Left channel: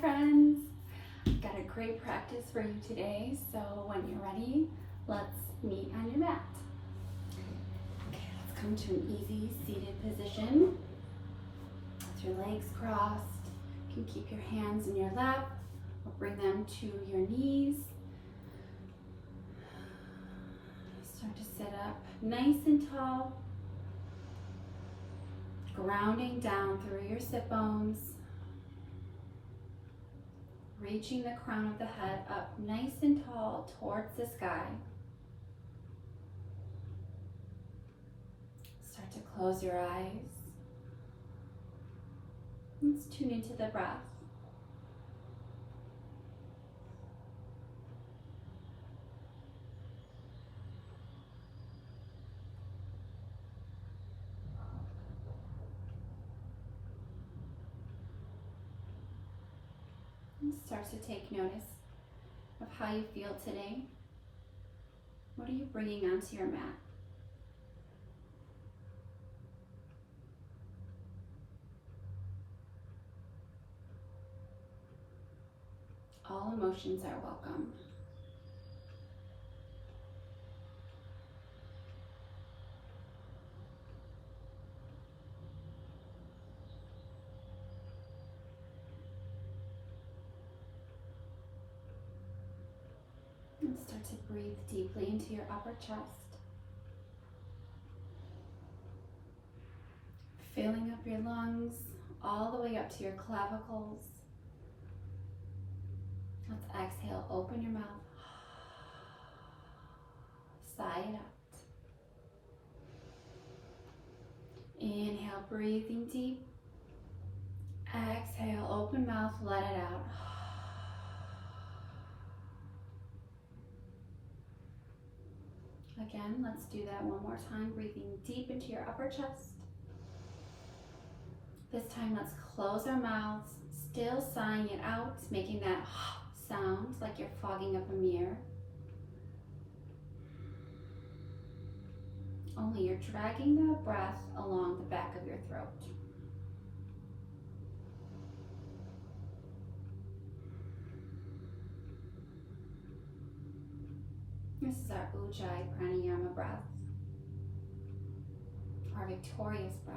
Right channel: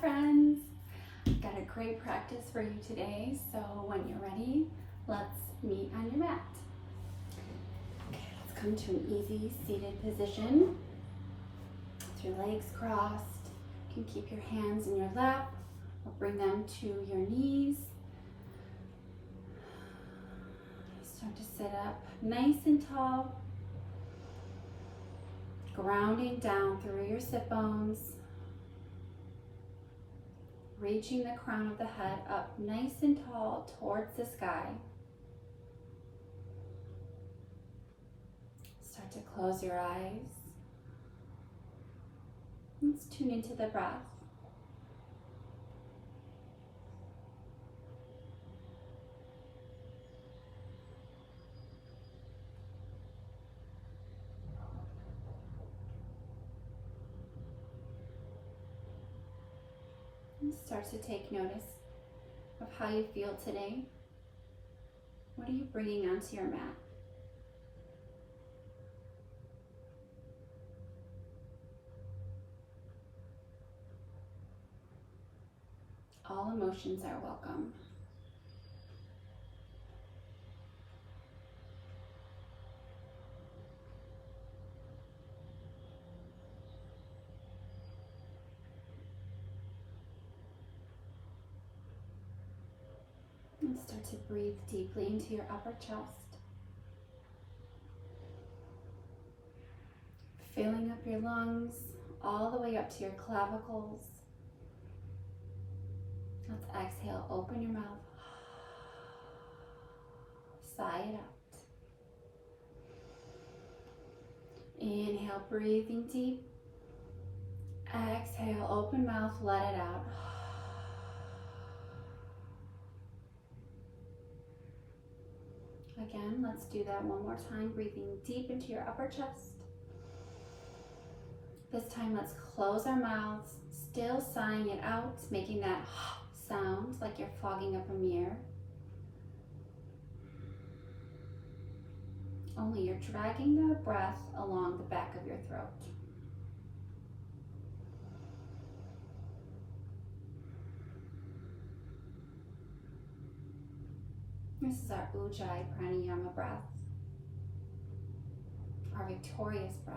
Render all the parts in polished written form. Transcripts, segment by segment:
friends. I've got a great practice for you today, so when you're ready, let's meet on your mat. Okay, let's come to an easy seated position with your legs crossed. You can keep your hands in your lap or bring them to your knees. Start to sit up nice and tall, grounding down through your sit bones. Reaching the crown of the head up nice and tall towards the sky. Start to close your eyes. Let's tune into the breath. And start to take notice of how you feel today. What are you bringing onto your mat? All emotions are welcome. And start to breathe deeply into your upper chest. Filling up your lungs all the way up to your clavicles. Let's exhale, open your mouth. Sigh it out. Inhale, breathing deep. Exhale, open mouth, let it out. Again, let's do that one more time, breathing deep into your upper chest. This time, let's close our mouths, still sighing it out, making that sound like you're fogging up a mirror. Only you're dragging the breath along the back of your throat. This is our Ujjayi Pranayama breath, our victorious breath.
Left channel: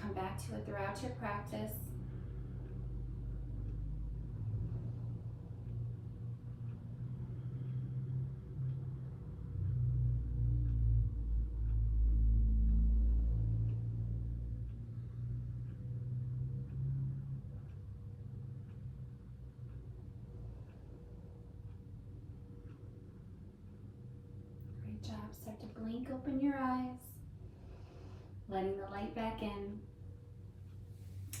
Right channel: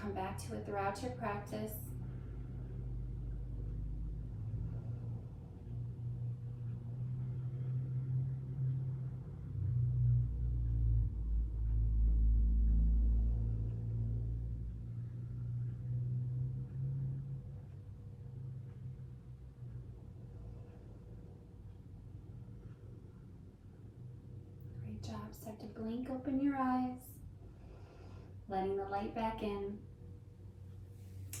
Come back to it throughout your practice. Great job. Start to blink open your eyes, letting the light back in.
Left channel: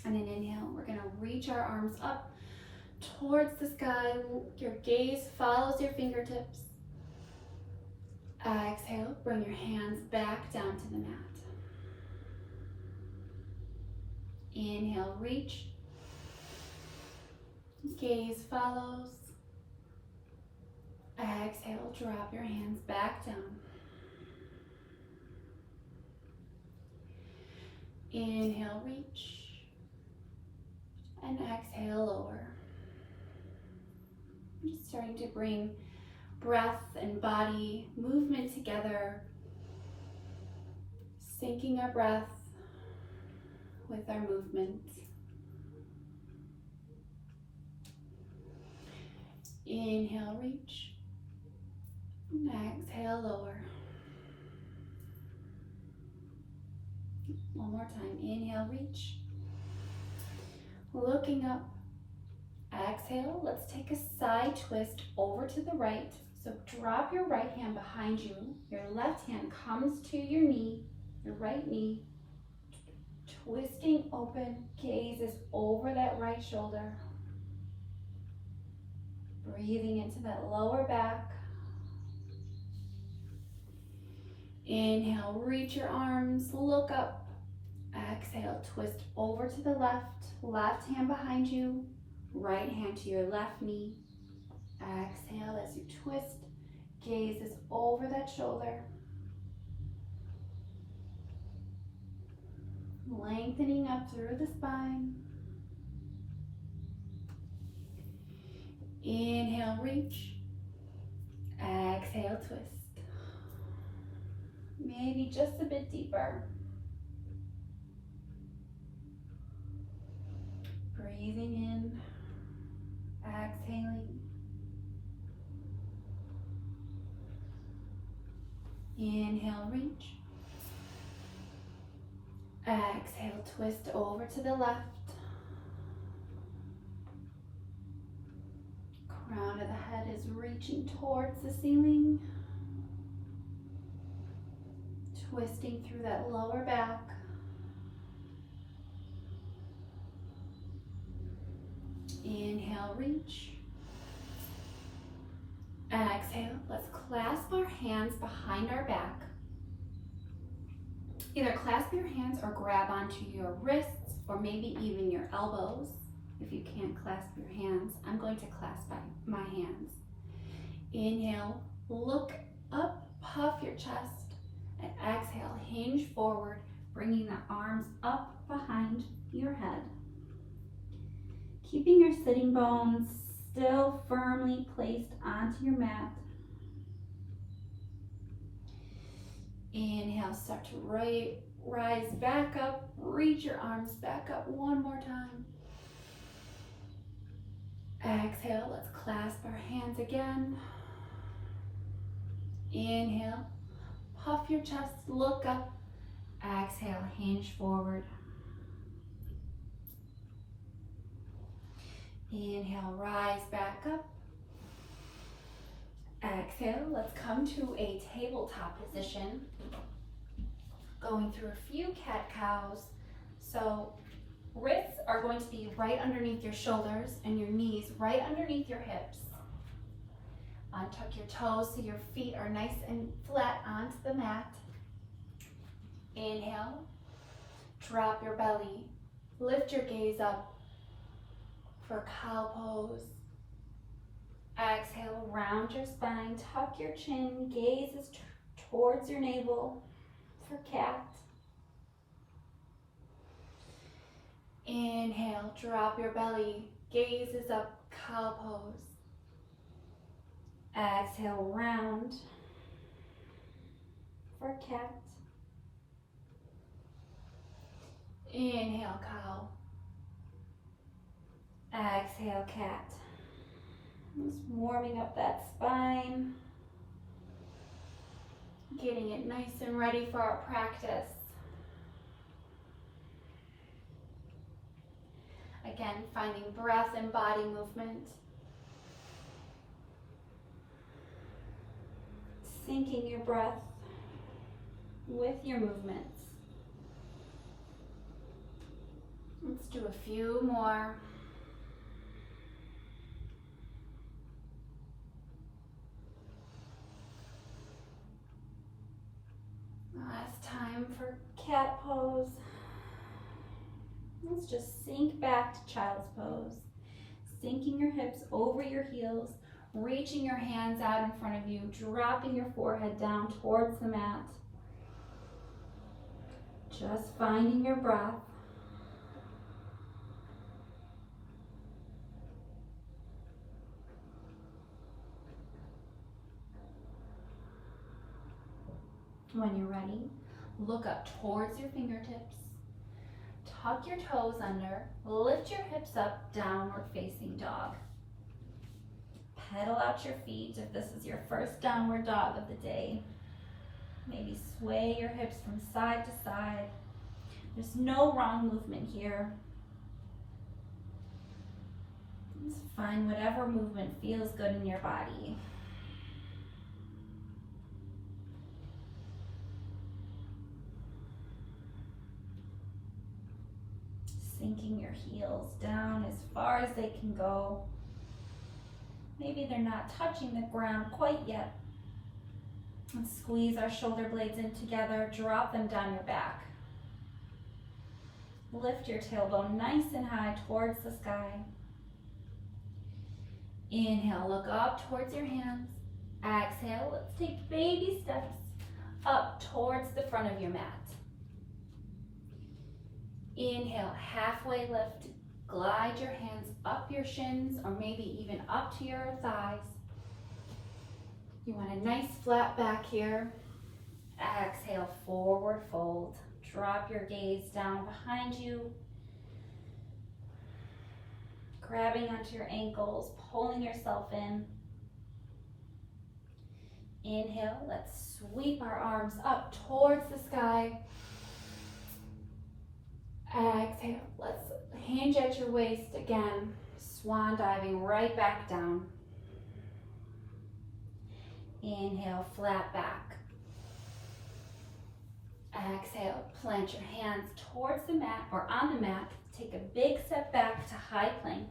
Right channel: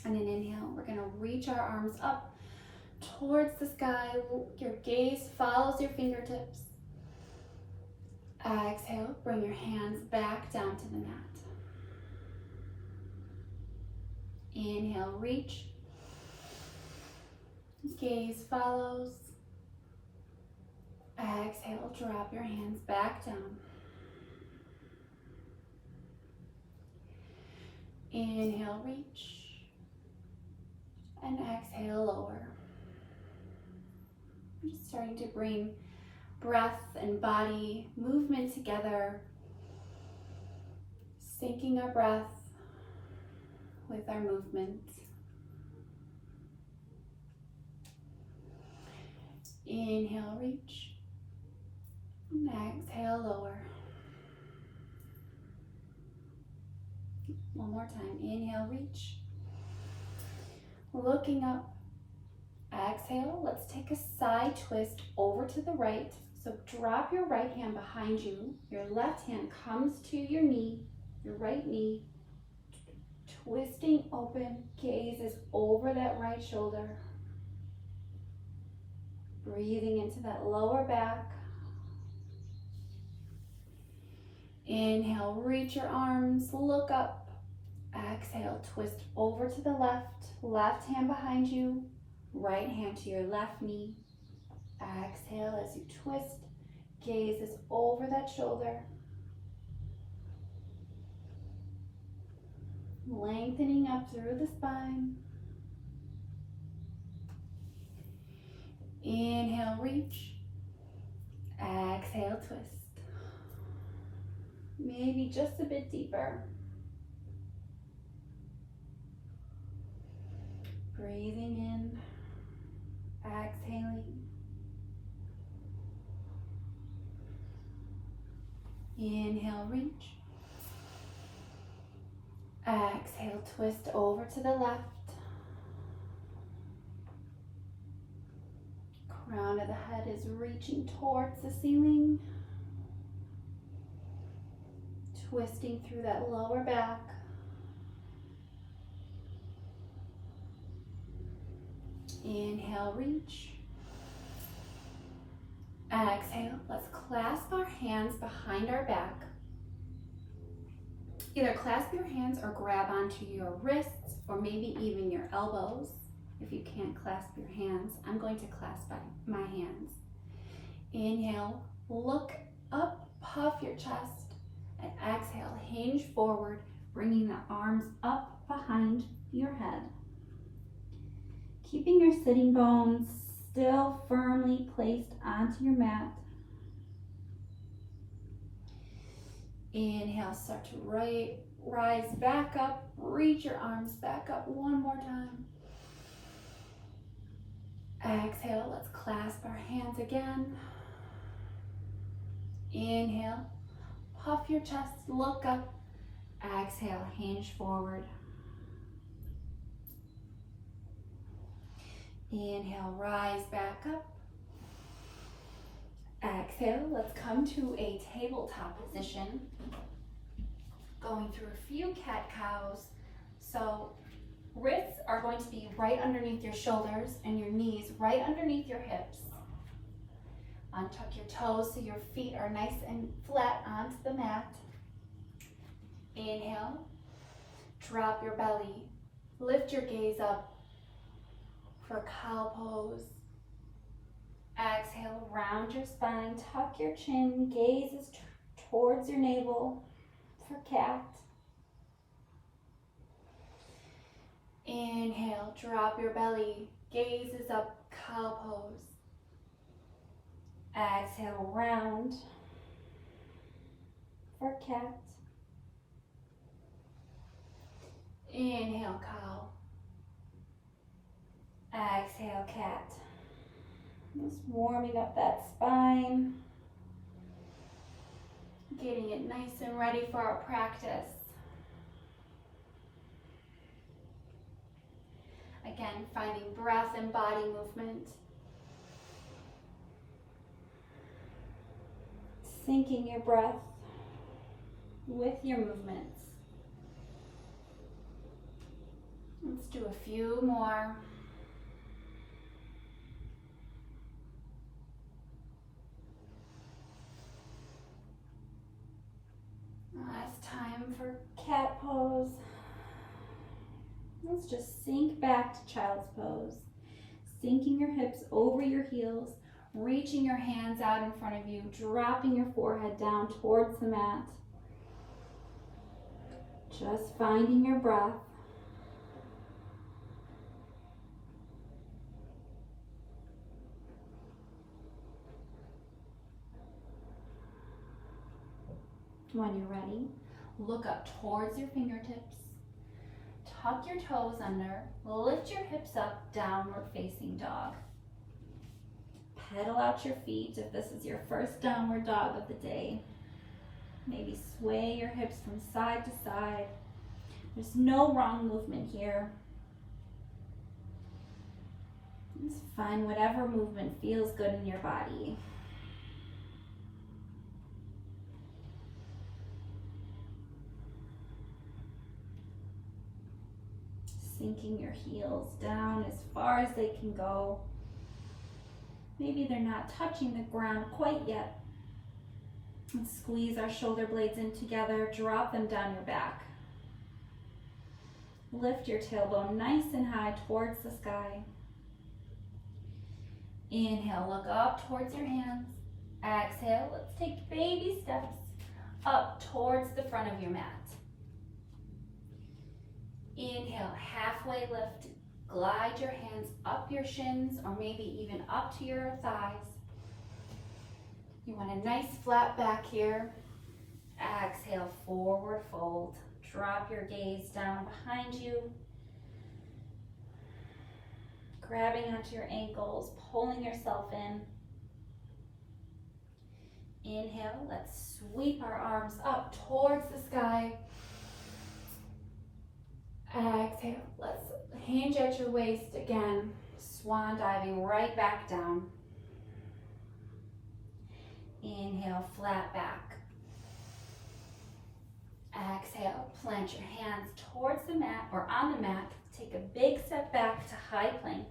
And an inhale, we're gonna reach our arms up towards the sky. Your gaze follows your fingertips. Exhale, bring your hands back down to the mat. Inhale, reach. Gaze follows. Exhale, drop your hands back down. Inhale, reach. And exhale, lower. Just starting to bring breath and body movement together. Syncing our breath with our movement. Inhale, reach. And exhale, lower. One more time. Inhale, reach. Looking up. Exhale. Let's take a side twist over to the right. So drop your right hand behind you. Your left hand comes to your knee, your right knee. Twisting open. Gaze is over that right shoulder. Breathing into that lower back. Inhale, reach your arms, look up. Exhale, twist over to the left. Left hand behind you, right hand to your left knee. Exhale as you twist. Gaze is over that shoulder. Lengthening up through the spine. Inhale, reach. Exhale, twist. Maybe just a bit deeper. Breathing in, exhaling. Inhale, reach. Exhale, twist over to the left. Crown of the head is reaching towards the ceiling. Twisting through that lower back. Inhale, reach. Exhale, let's clasp our hands behind our back. Either clasp your hands or grab onto your wrists or maybe even your elbows. If you can't clasp your hands, I'm going to clasp my hands. Inhale, look up, puff your chest, and exhale, hinge forward, bringing the arms up behind your head. Keeping your sitting bones still firmly placed onto your mat. Inhale, start to rise back up, reach your arms back up one more time. Exhale, let's clasp our hands again. Inhale, puff your chest, look up. Exhale, hinge forward. Inhale, rise back up. Exhale, let's come to a tabletop position. Going through a few cat-cows. So wrists are going to be right underneath your shoulders and your knees right underneath your hips. Untuck your toes so your feet are nice and flat onto the mat. Inhale, drop your belly, lift your gaze up for cow pose. Exhale, round your spine, tuck your chin, gaze is towards your navel for cat. Inhale, drop your belly, gaze is up, cow pose. Exhale, round for cat. Inhale, cow. Exhale, cat. Just warming up that spine. Getting it nice and ready for our practice. Again, finding breath and body movement. Syncing your breath with your movements. Let's do a few more. Last time for cat pose. Let's just sink back to child's pose. Sinking your hips over your heels, reaching your hands out in front of you, dropping your forehead down towards the mat. Just finding your breath. When you're ready, look up towards your fingertips. Tuck your toes under, lift your hips up, downward facing dog. Pedal out your feet if this is your first downward dog of the day. Maybe sway your hips from side to side. There's no wrong movement here. Just find whatever movement feels good in your body. Sinking your heels down as far as they can go. Maybe they're not touching the ground quite yet. And squeeze our shoulder blades in together, drop them down your back. Lift your tailbone nice and high towards the sky. Inhale, look up towards your hands. Exhale, let's take baby steps up towards the front of your mat. Inhale, halfway lift. Glide your hands up your shins or maybe even up to your thighs. You want a nice flat back here. Exhale, forward fold. Drop your gaze down behind you. Grabbing onto your ankles, pulling yourself in. Inhale, let's sweep our arms up towards the sky. Exhale, let's hinge at your waist again. Swan diving right back down. Inhale, flat back. Exhale, plant your hands towards the mat or on the mat. Take a big step back to high plank.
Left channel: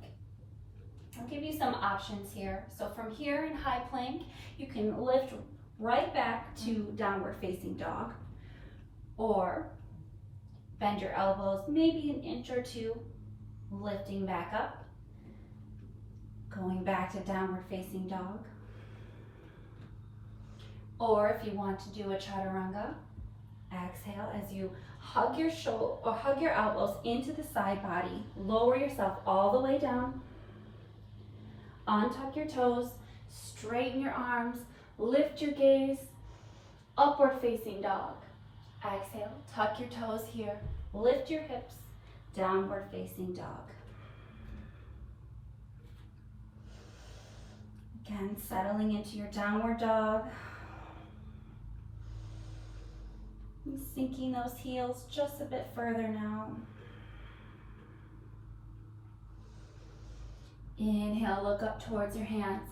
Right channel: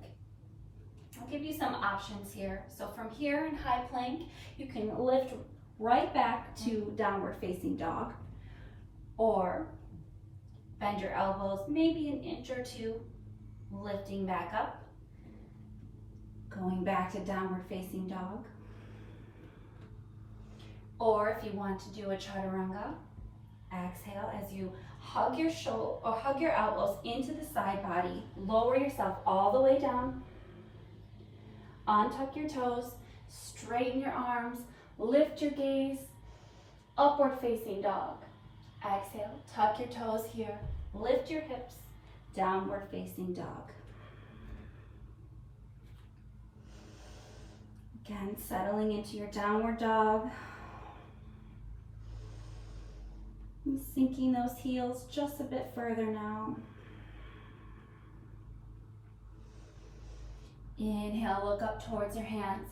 I'll give you some options here. So from here in high plank, you can lift right back to downward facing dog, or bend your elbows maybe an inch or two, lifting back up, going back to downward facing dog. Or if you want to do a chaturanga, exhale as you hug your shoulder or hug your elbows into the side body. Lower yourself all the way down. Untuck your toes, straighten your arms, lift your gaze, upward facing dog. Exhale, tuck your toes here, lift your hips, downward facing dog. Again, settling into your downward dog. And sinking those heels just a bit further now. Inhale, look up towards your hands.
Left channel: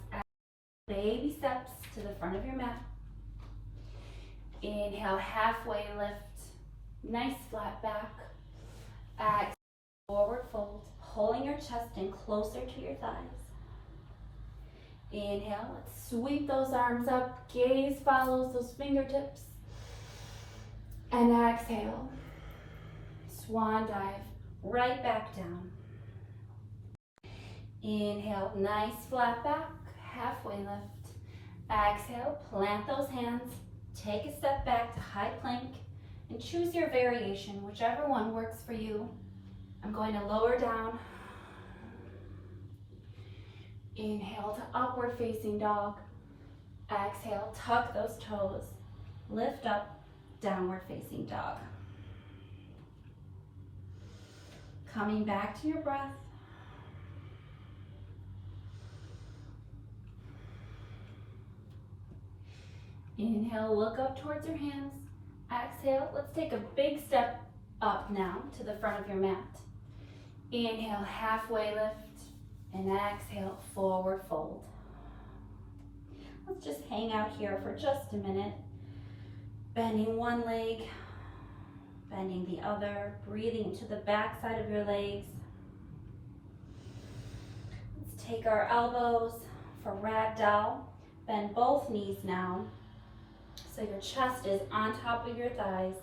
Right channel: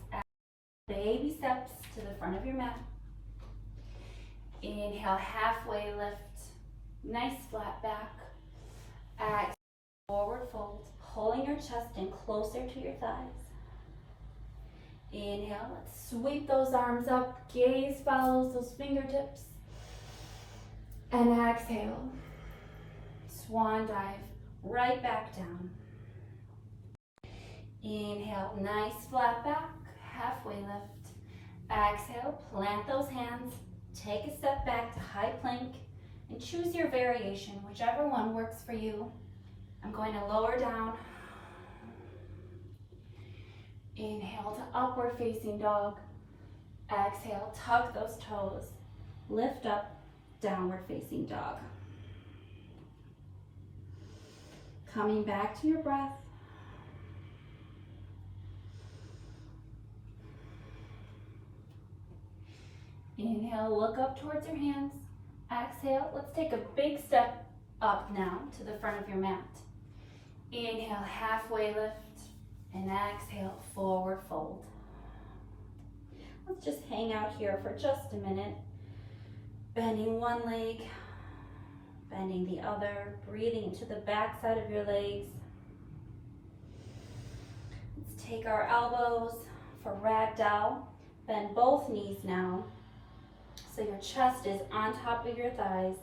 Baby steps to the front of your mat. Inhale, halfway lift. Nice flat back. Exhale, forward fold. Pulling your chest in closer to your thighs. Inhale, let's sweep those arms up. Gaze follows those fingertips. And exhale. Swan dive right back down. Inhale, nice flat back, halfway lift. Exhale, plant those hands, take a step back to high plank, and choose your variation, whichever one works for you. I'm going to lower down. Inhale to upward facing dog. Exhale, tuck those toes, lift up, downward facing dog. Coming back to your breath. Inhale, look up towards your hands. Exhale, let's take a big step up now to the front of your mat. Inhale, halfway lift, and exhale, forward fold. Let's just hang out here for just a minute. Bending one leg, bending the other, breathing into the back side of your legs. Let's take our elbows for ragdoll. Bend both knees now. So your chest is on top of your thighs,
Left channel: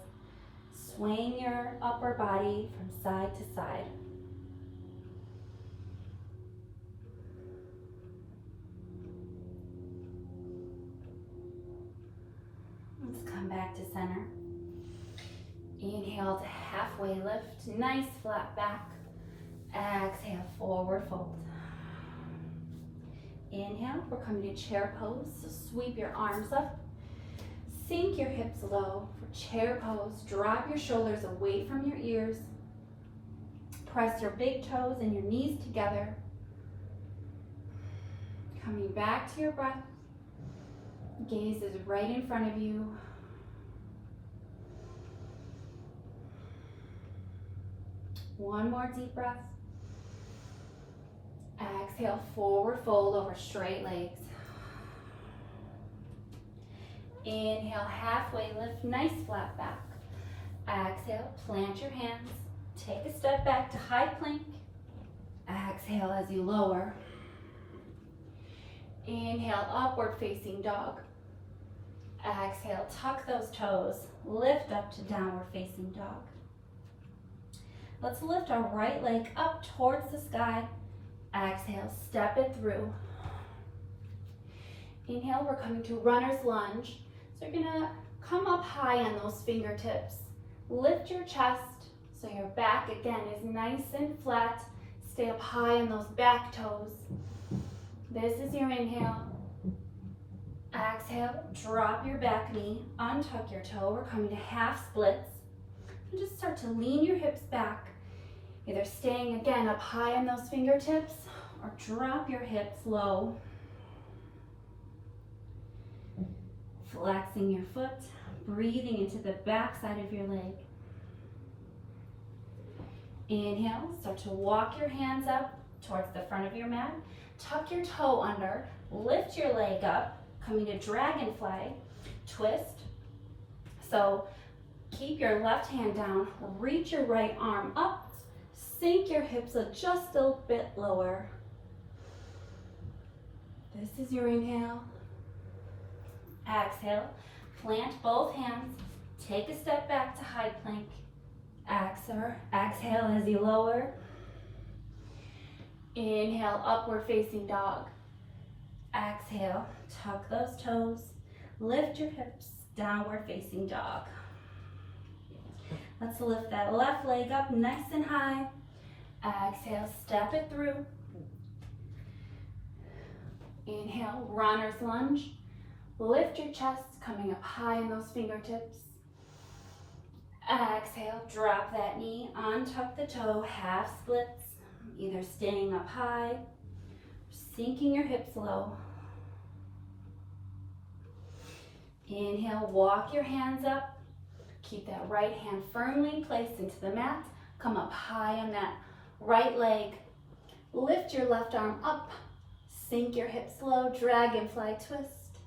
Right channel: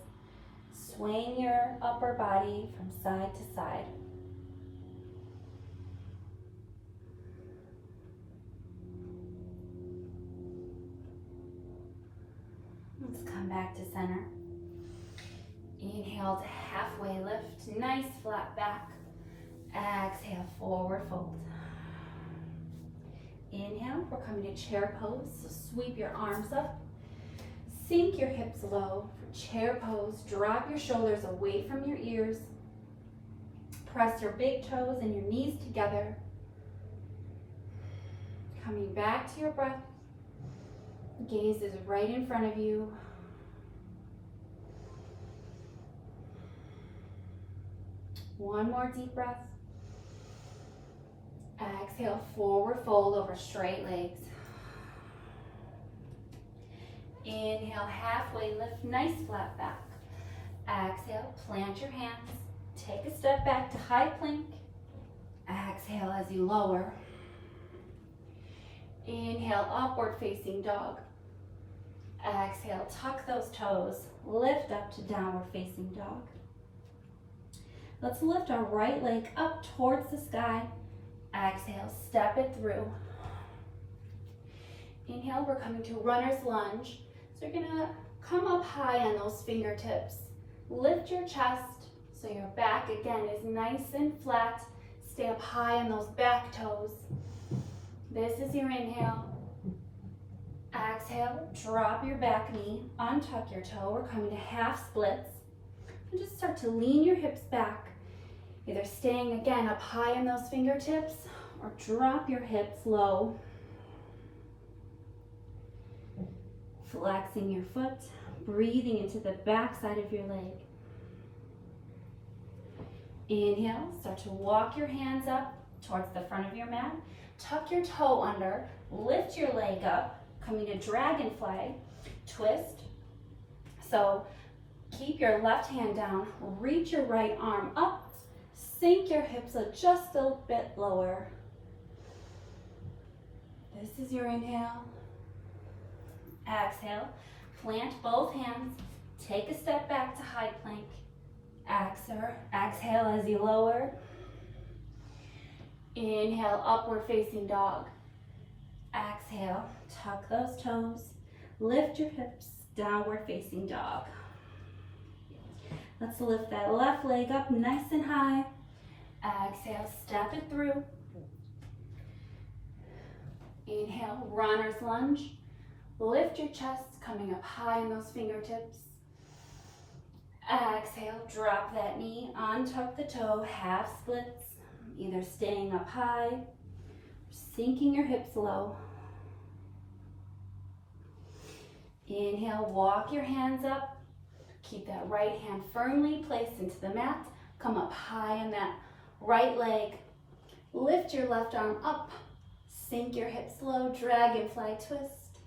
swaying your upper body from side to side. Let's come back to center. Inhale to halfway lift, nice flat back. Exhale, forward fold. Inhale, we're coming to chair pose, so sweep your arms up. Sink your hips low for chair pose. Drop your shoulders away from your ears. Press your big toes and your knees together. Coming back to your breath. Gaze is right in front of you. One more deep breath. Exhale, forward fold over straight legs. Inhale, halfway lift, nice flat back. Exhale, plant your hands. Take a step back to high plank. Exhale as you lower. Inhale, upward facing dog. Exhale, tuck those toes. Lift up to downward facing dog. Let's lift our right leg up towards the sky. Exhale, step it through. Inhale, we're coming to runner's lunge. So you're gonna come up high on those fingertips. Lift your chest So your back again is nice and flat. Stay up high in those back toes. This is your inhale. Exhale, drop your back knee, untuck your toe. We're coming to half splits. And just start to lean your hips back. Either staying again up high in those fingertips or drop your hips low. Flexing your foot, breathing into the back side of your leg. Inhale, start to walk your hands up towards the front of your mat. Tuck your toe under, lift your leg up, coming to dragonfly, twist. So keep your left hand down, reach your right arm up, sink your hips just a bit lower. This is your inhale. Exhale, plant both hands, take a step back to high plank. Exhale as you lower. Inhale, upward facing dog. Exhale, tuck those toes, lift your hips, downward facing dog. Let's lift that left leg up nice and high. Exhale, step it through. Inhale, runner's lunge. Lift your chest, coming up high in those fingertips. Exhale, drop that knee, untuck the toe, half splits, either staying up high, sinking your hips low. Inhale, walk your hands up. Keep that right hand firmly placed into the mat. Come up high on that right leg. Lift your left arm up. Sink your hips low, dragonfly twist.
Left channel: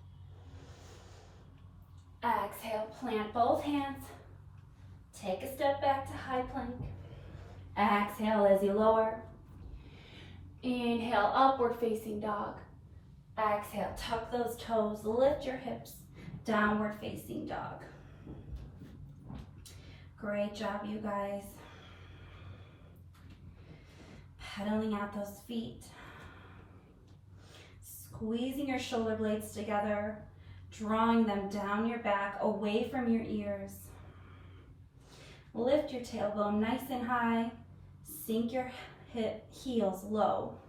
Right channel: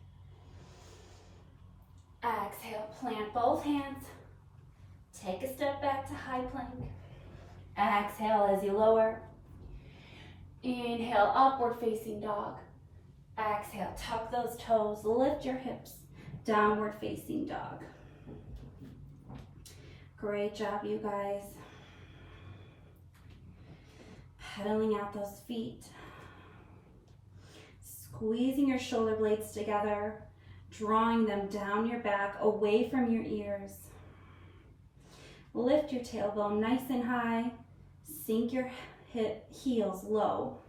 Exhale, plant both hands. Take a step back to high plank. Exhale as you lower. Inhale, upward facing dog. Exhale, tuck those toes, lift your hips, downward facing dog. Great job, you guys. Pedaling out those feet. Squeezing your shoulder blades together, drawing them down your back, away from your ears. Lift your tailbone nice and high. Sink your heels low.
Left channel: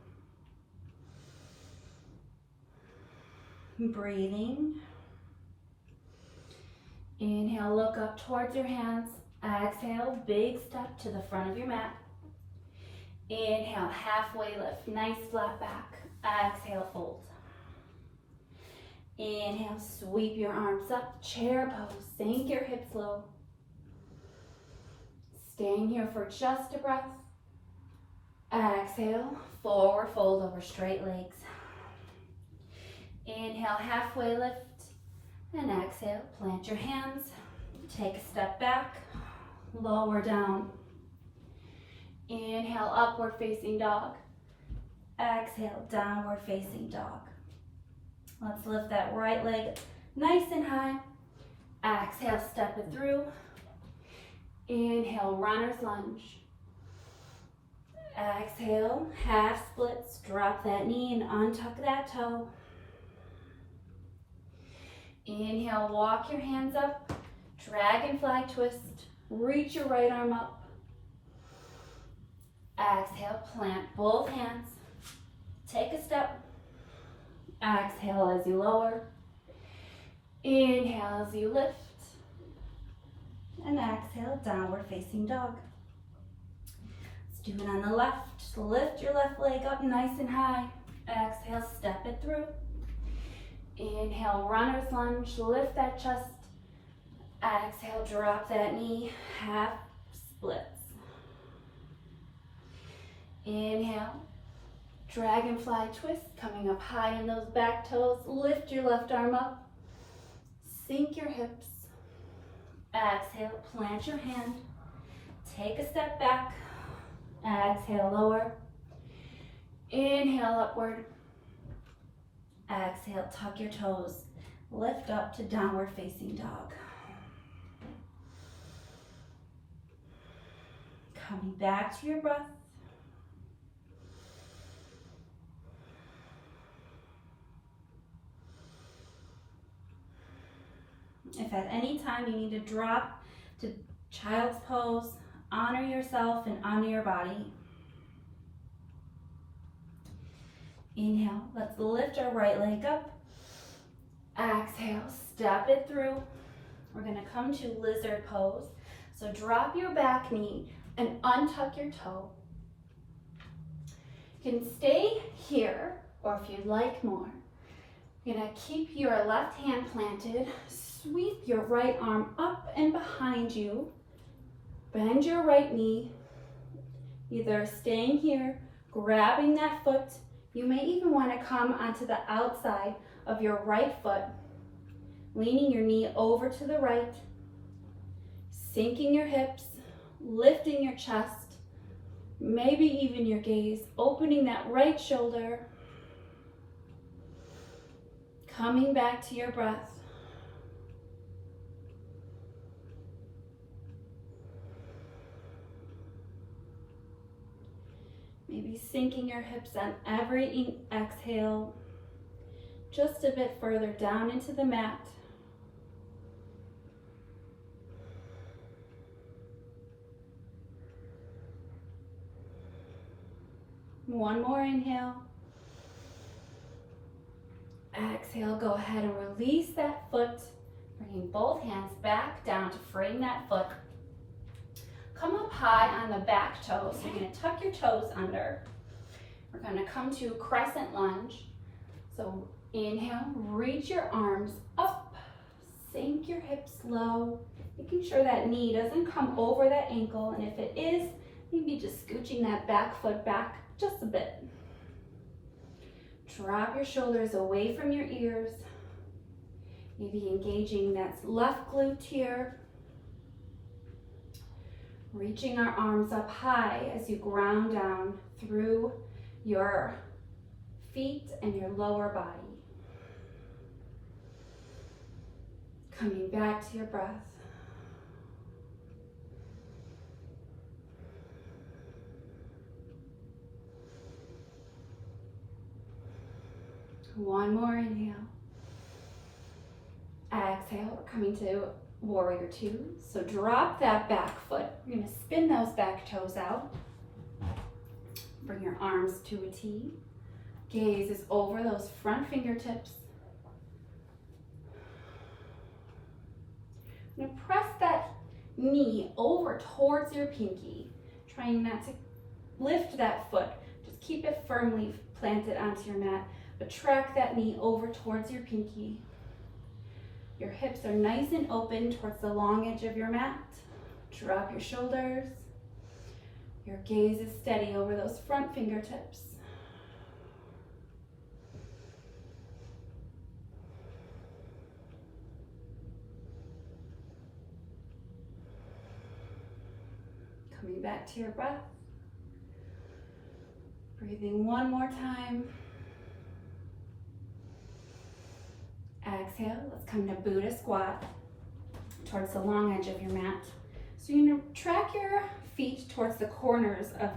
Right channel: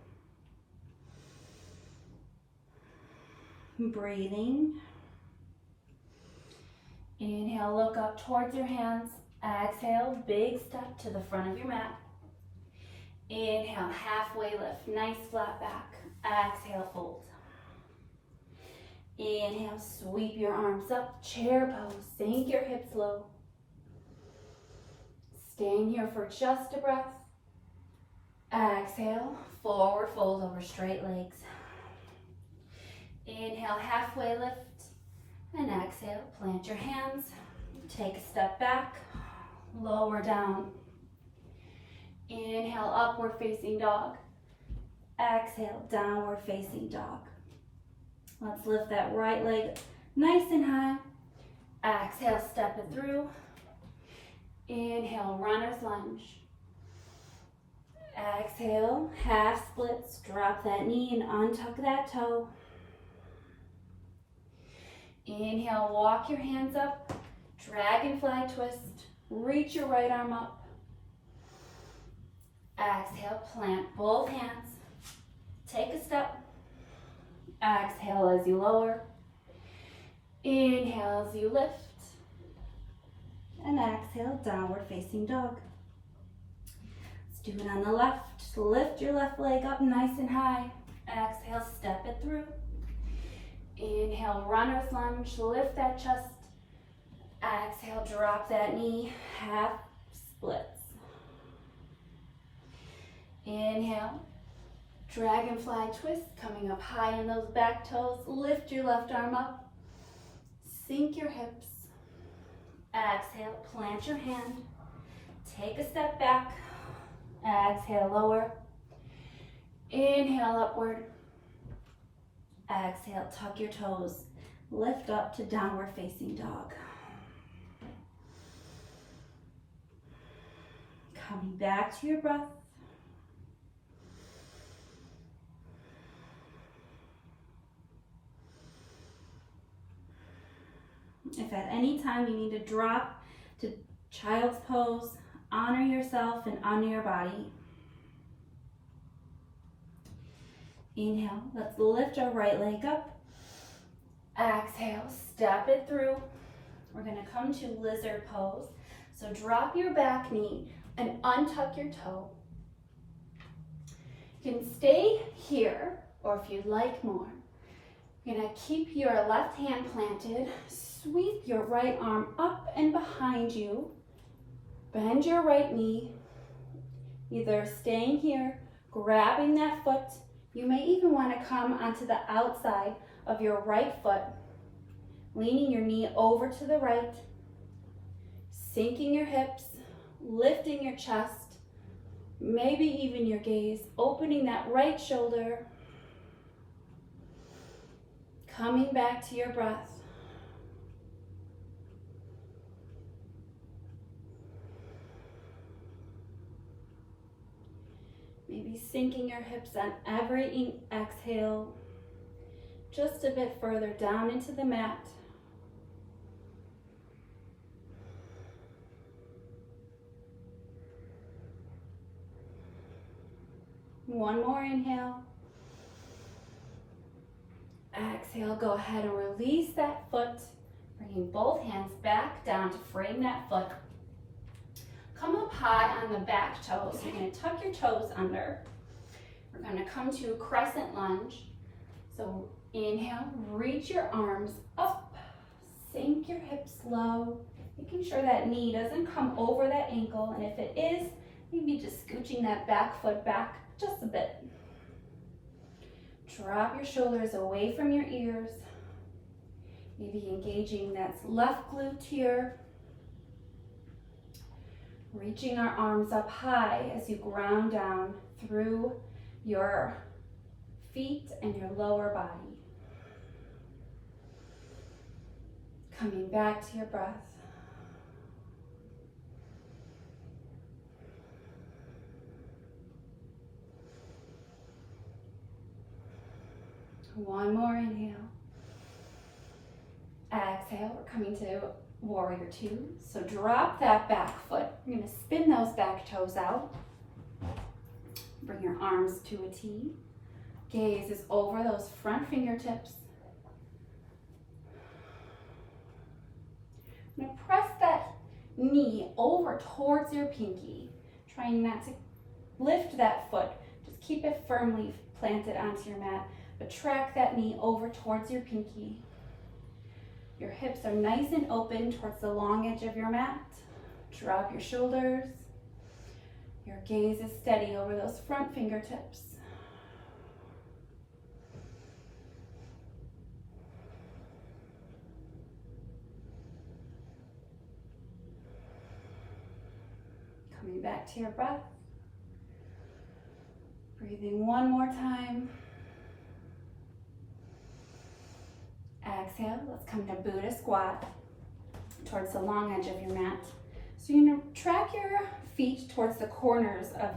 Breathing. Inhale, look up towards your hands. Exhale, big step to the front of your mat. Inhale, halfway lift, nice flat back. Exhale, fold. Inhale, sweep your arms up, chair pose, sink your hips low. Staying here for just a breath. Exhale, forward fold over straight legs. Inhale, halfway lift, and exhale, plant your hands, take a step back, lower down. Inhale, upward facing dog. Exhale, downward facing dog. Let's lift that right leg nice and high. Exhale, step it through. Inhale, runner's lunge. Exhale, half splits, drop that knee and untuck that toe. Inhale, walk your hands up, dragonfly twist, reach your right arm up. Exhale, plant both hands, take a step. Exhale as you lower. Inhale as you lift. And exhale, downward facing dog. Let's do it on the left. Just lift your left leg up nice and high. Exhale, step it through. Inhale, runner's lunge, lift that chest. Exhale, drop that knee, half splits. Inhale, dragonfly twist, coming up high in those back toes. Lift your left arm up, sink your hips. Exhale, plant your hand, take a step back. Exhale, lower. Inhale, upward. Exhale, tuck your toes. Lift up to downward facing dog. Coming back to your breath. If at any time you need to drop to child's pose, honor yourself and honor your body. Inhale, let's lift our right leg up. Exhale, step it through. We're gonna come to lizard pose. So drop your back knee and untuck your toe. You can stay here, or if you'd like more, you're gonna keep your left hand planted, sweep your right arm up and behind you, bend your right knee, either staying here, grabbing that foot. You may even want to come onto the outside of your right foot, leaning your knee over to the right, sinking your hips, lifting your chest, maybe even your gaze, opening that right shoulder, coming back to your breath. Maybe sinking your hips on every exhale, just a bit further down into the mat. One more inhale. Exhale, go ahead and release that foot, bringing both hands back down to frame that foot. Come up high on the back toes. You're gonna tuck your toes under. We're gonna come to crescent lunge. So inhale, reach your arms up, sink your hips low, making sure that knee doesn't come over that ankle, and if it is, maybe just scooching that back foot back just a bit. Drop your shoulders away from your ears, maybe engaging that left glute here. Reaching our arms up high as you ground down through your feet and your lower body. Coming back to your breath. One more inhale. Exhale, we're coming to warrior two. So drop that back foot. You're gonna spin those back toes out. Bring your arms to a T. Gaze is over those front fingertips. I'm gonna press that knee over towards your pinky, trying not to lift that foot. Just keep it firmly planted onto your mat, but track that knee over towards your pinky. Your hips are nice and open towards the long edge of your mat. Drop your shoulders. Your gaze is steady over those front fingertips. Coming back to your breath. Breathing one more time. Exhale, let's come to Buddha squat towards the long edge of your mat. So you're gonna track your feet towards the corners of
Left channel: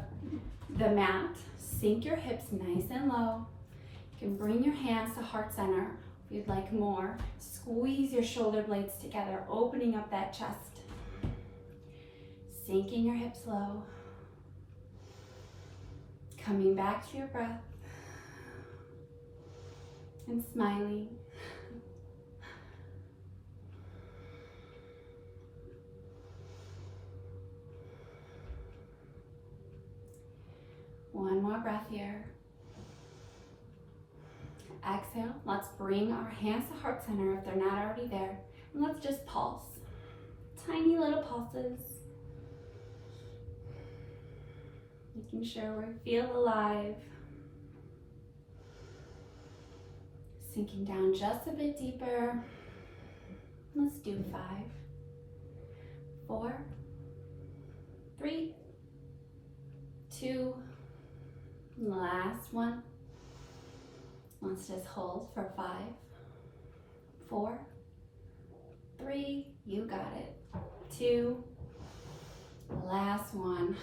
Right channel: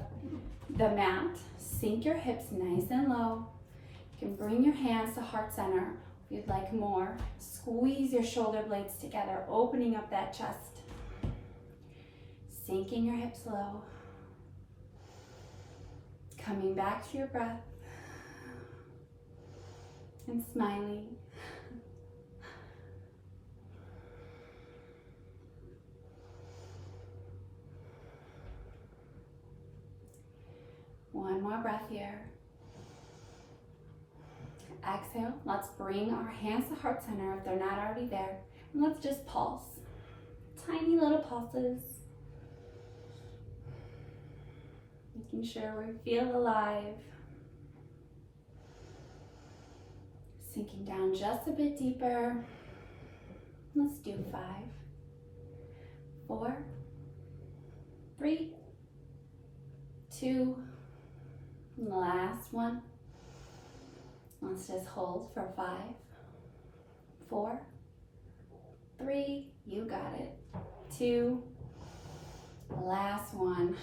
the mat. Sink your hips nice and low. You can bring your hands to heart center if you'd like more. Squeeze your shoulder blades together, opening up that chest. Sinking your hips low. Coming back to your breath. And smiling. One more breath here. Exhale, let's bring our hands to heart center if they're not already there. And let's just pulse. Tiny little pulses. Making sure we feel alive. Sinking down just a bit deeper. Let's do 5, 4, 3, 2, last one. Let's just hold for 5, 4, 3, you got it, 2, last one.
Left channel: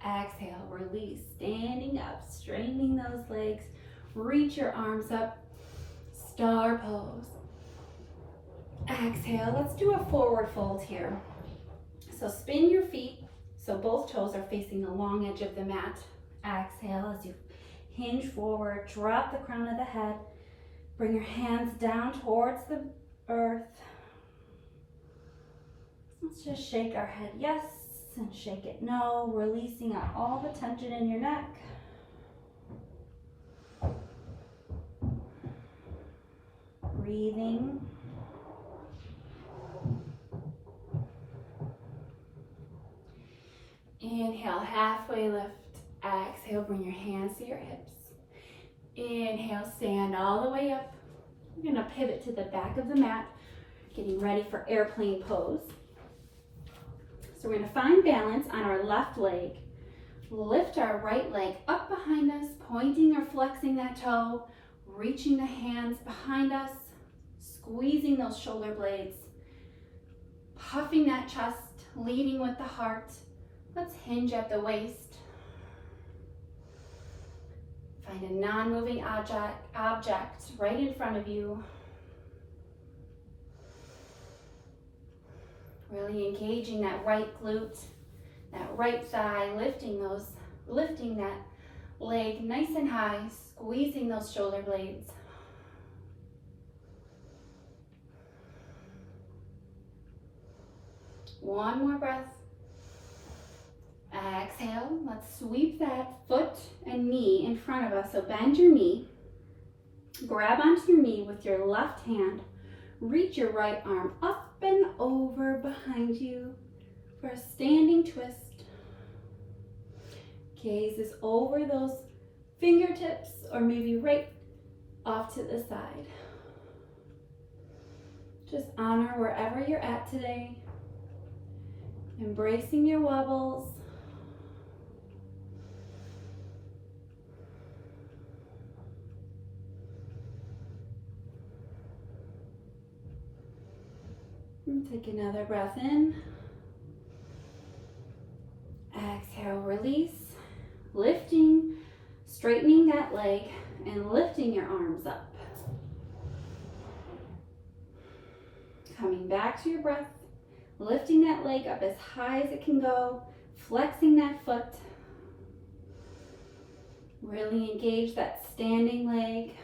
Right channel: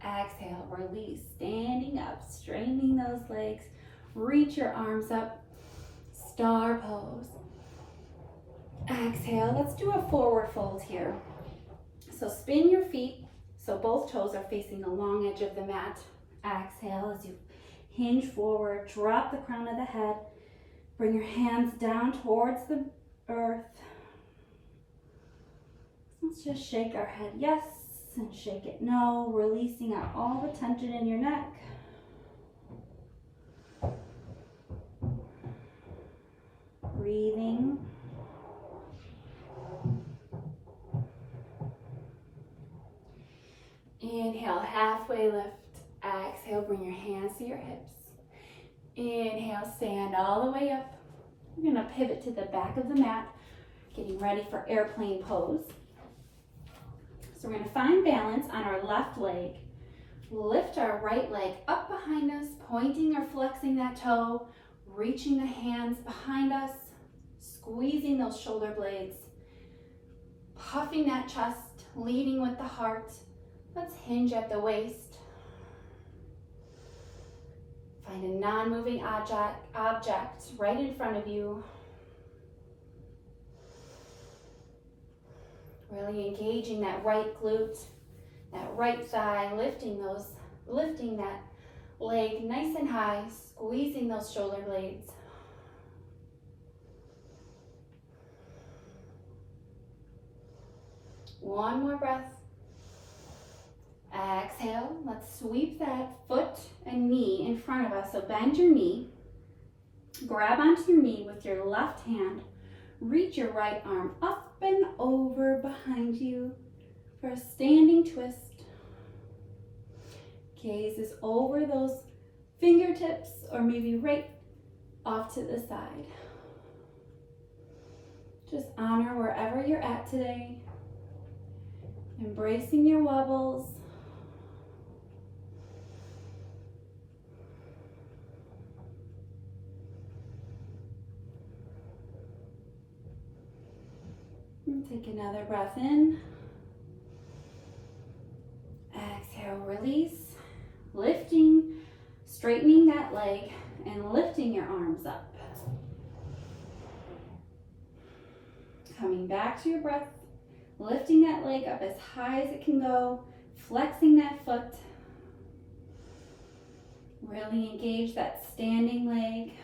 Exhale, release, standing up, straightening those legs, reach your arms up, star pose. Exhale, let's do a forward fold here. So spin your feet So both toes are facing the long edge of the mat. Exhale as you hinge forward, drop the crown of the head, bring your hands down towards the earth. Let's just shake our head yes and shake it no, releasing out all the tension in your neck. Breathing. Inhale, halfway lift. Exhale, bring your hands to your hips. Inhale, stand all the way up. We're gonna pivot to the back of the mat, getting ready for airplane pose. So we're gonna find balance on our left leg. Lift our right leg up behind us, pointing or flexing that toe, reaching the hands behind us, squeezing those shoulder blades, puffing that chest, leading with the heart. Let's hinge at the waist. Find a non-moving object right in front of you. Really engaging that right glute, that right thigh, lifting that leg nice and high, squeezing those shoulder blades. One more breath. Exhale, let's sweep that foot and knee in front of us. So bend your knee, grab onto your knee with your left hand, reach your right arm up and over behind you for a standing twist. Gaze is over those fingertips or maybe right off to the side. Just honor wherever you're at today, embracing your wobbles. Take another breath in. Exhale, release. Lifting, straightening that leg, and lifting your arms up. Coming back to your breath, lifting that leg up as high as it can go, flexing that foot. Really engage that standing leg.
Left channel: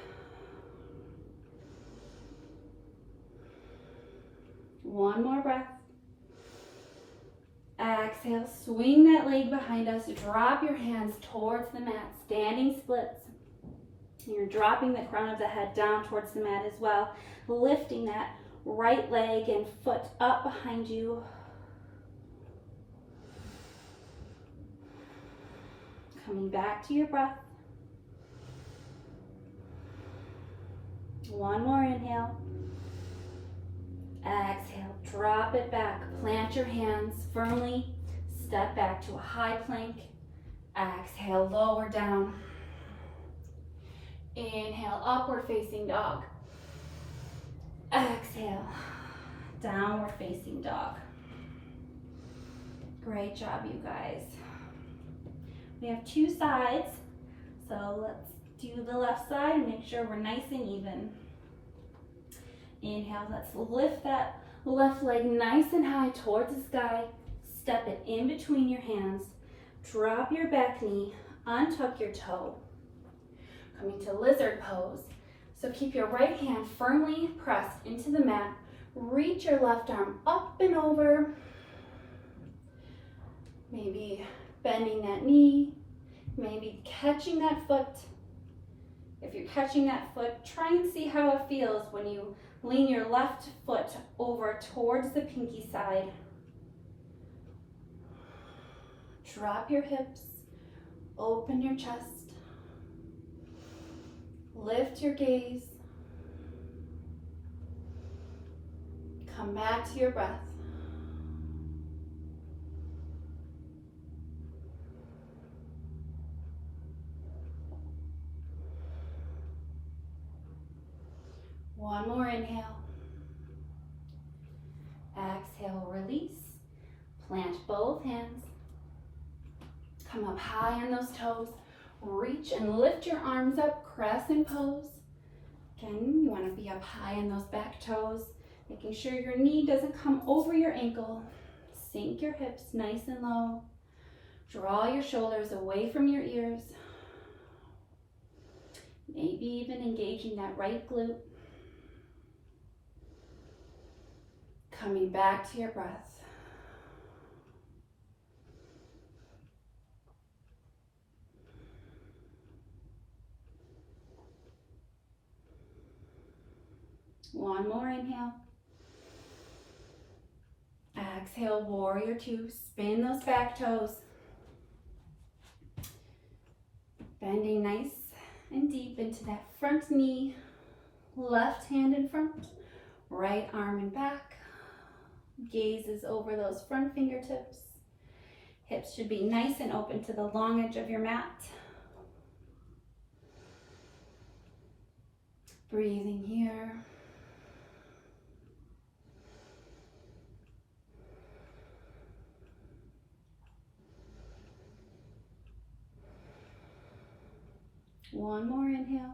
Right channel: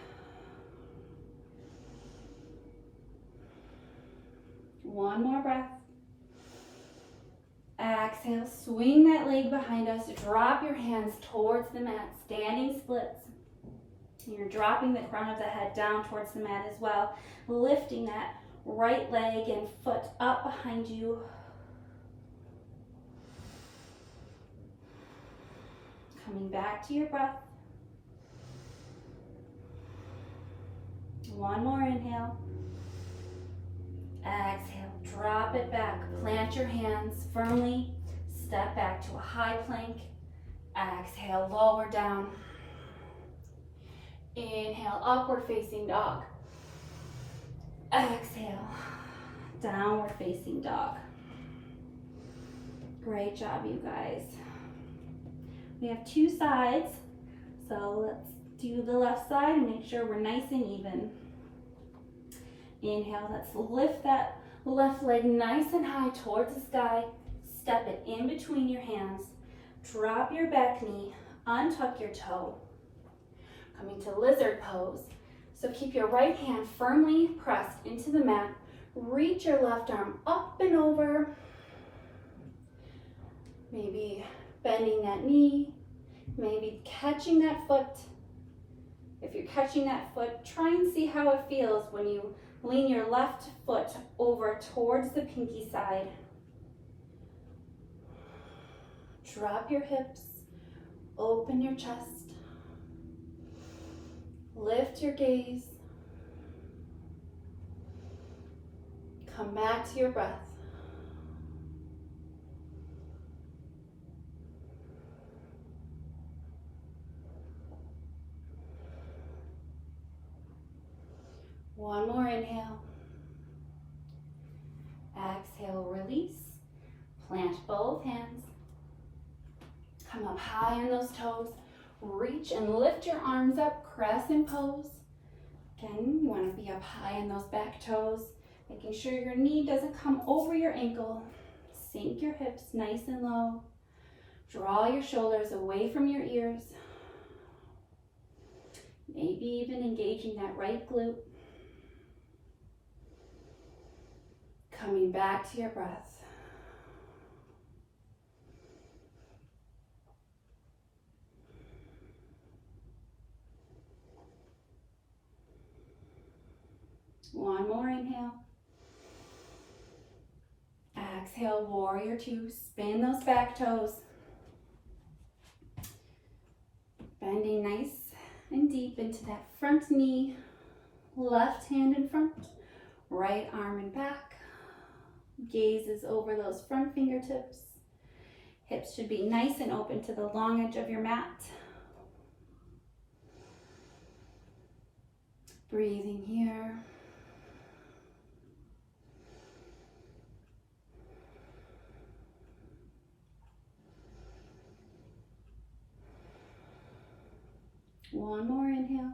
One more breath. Exhale, swing that leg behind us. Drop your hands towards the mat, standing splits. You're dropping the crown of the head down towards the mat as well. Lifting that right leg and foot up behind you. Coming back to your breath. One more inhale. Exhale, drop it back. Plant your hands firmly. Step back to a high plank. Exhale, lower down. Inhale, upward facing dog. Exhale, downward facing dog. Great job, you guys. We have two sides, so let's do the left side and make sure we're nice and even. Inhale, let's lift that left leg nice and high towards the sky. Step it in between your hands. Drop your back knee, untuck your toe. Coming to lizard pose. So keep your right hand firmly pressed into the mat. Reach your left arm up and over. Maybe bending that knee, maybe catching that foot. If you're catching that foot, try and see how it feels when you lean your left foot over towards the pinky side. Drop your hips, open your chest, lift your gaze, come back to your breath. One more inhale. Exhale, release. Plant both hands. Come up high on those toes. Reach and lift your arms up, crescent pose. Again, you want to be up high on those back toes, making sure your knee doesn't come over your ankle. Sink your hips nice and low. Draw your shoulders away from your ears. Maybe even engaging that right glute. Coming back to your breath. One more inhale. Exhale, warrior two. Spin those back toes. Bending nice and deep into that front knee. Left hand in front, right arm in back. Gaze is over those front fingertips. Hips should be nice and open to the long edge of your mat. Breathing here. One more inhale.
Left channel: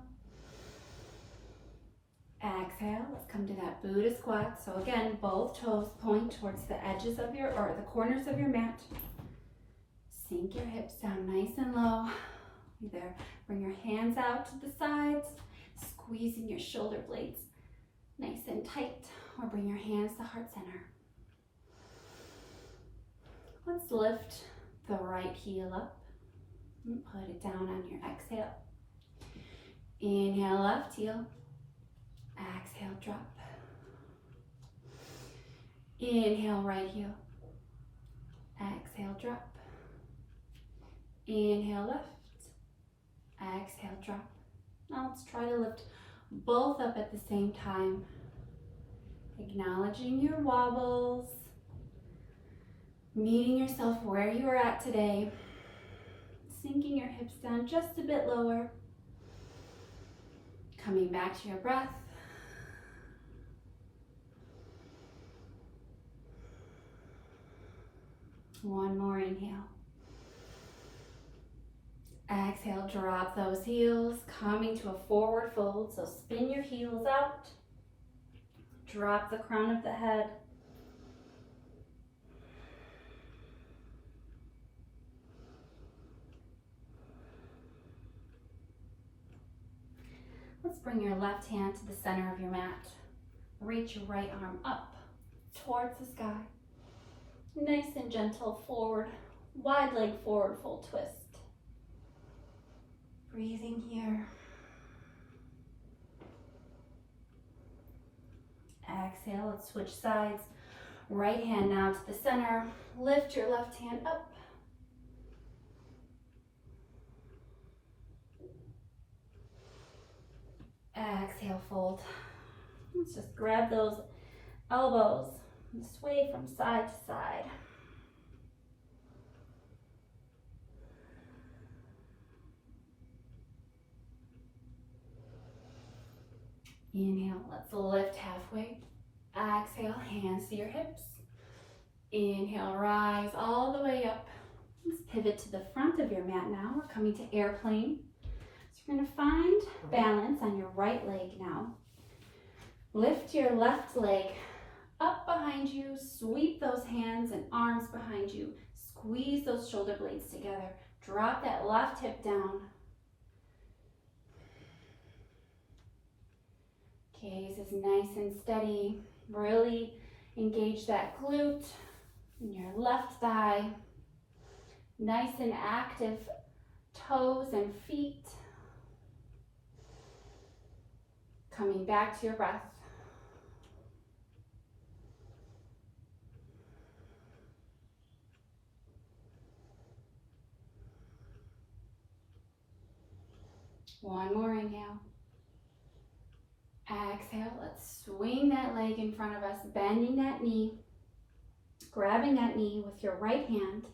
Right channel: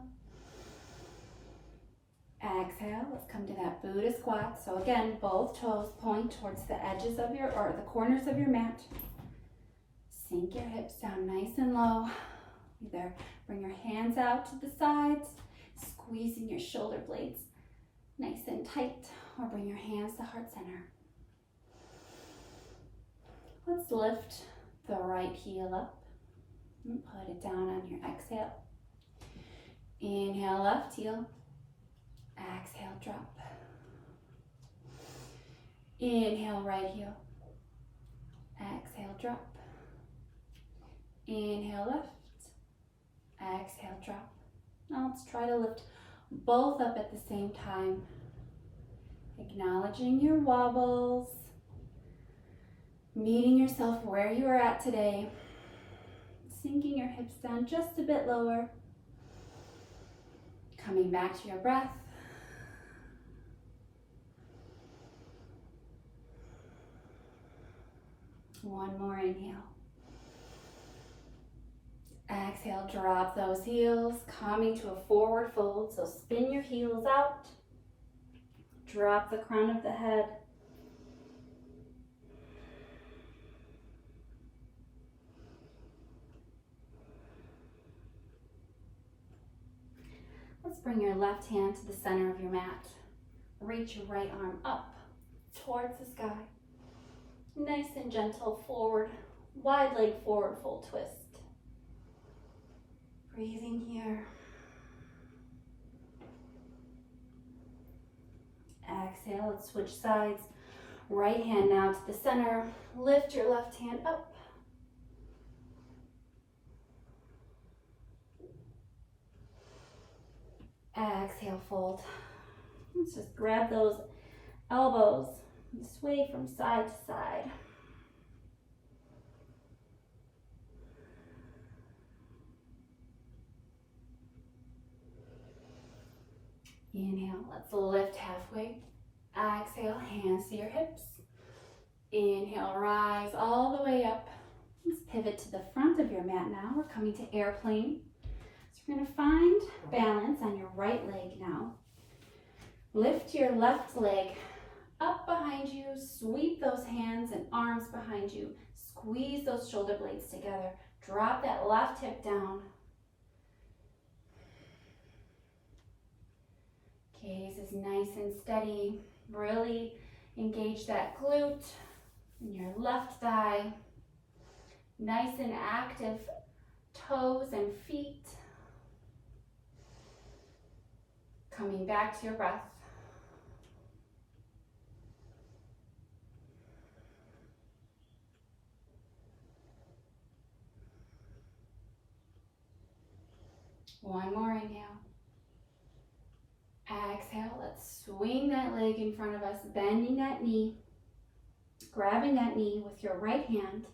Exhale, let's come to that Buddha squat. So again, both toes point towards the edges of your, or the corners of your mat. Sink your hips down nice and low. Either bring your hands out to the sides, squeezing your shoulder blades nice and tight, or bring your hands to heart center. Let's lift the right heel up and put it down on your exhale. Inhale, left heel. Exhale, drop. Inhale, right heel. Exhale, drop. Inhale, left. Exhale, drop. Now let's try to lift both up at the same time. Acknowledging your wobbles. Meeting yourself where you are at today. Sinking your hips down just a bit lower. Coming back to your breath. One more inhale. Exhale, drop those heels, coming to a forward fold. So spin your heels out. Drop the crown of the head. Let's bring your left hand to the center of your mat. Reach your right arm up towards the sky. Nice and gentle forward, wide leg forward fold twist. Breathing here. Exhale, let's switch sides. Right hand now to the center. Lift your left hand up. Exhale, fold. Let's just grab those elbows and sway from side to side. Inhale, let's lift halfway. Exhale, hands to your hips. Inhale, rise all the way up. Let's pivot to the front of your mat now. We're coming to airplane. So we're going to find balance on your right leg now. Lift your left leg up behind you. Sweep those hands and arms behind you. Squeeze those shoulder blades together. Drop that left hip down. Gaze is nice and steady. Really engage that glute in your left thigh. Nice and active toes and feet. Coming back to your breath. One more inhale. Exhale, let's swing that leg in front of us, bending that knee, grabbing that knee with your right hand,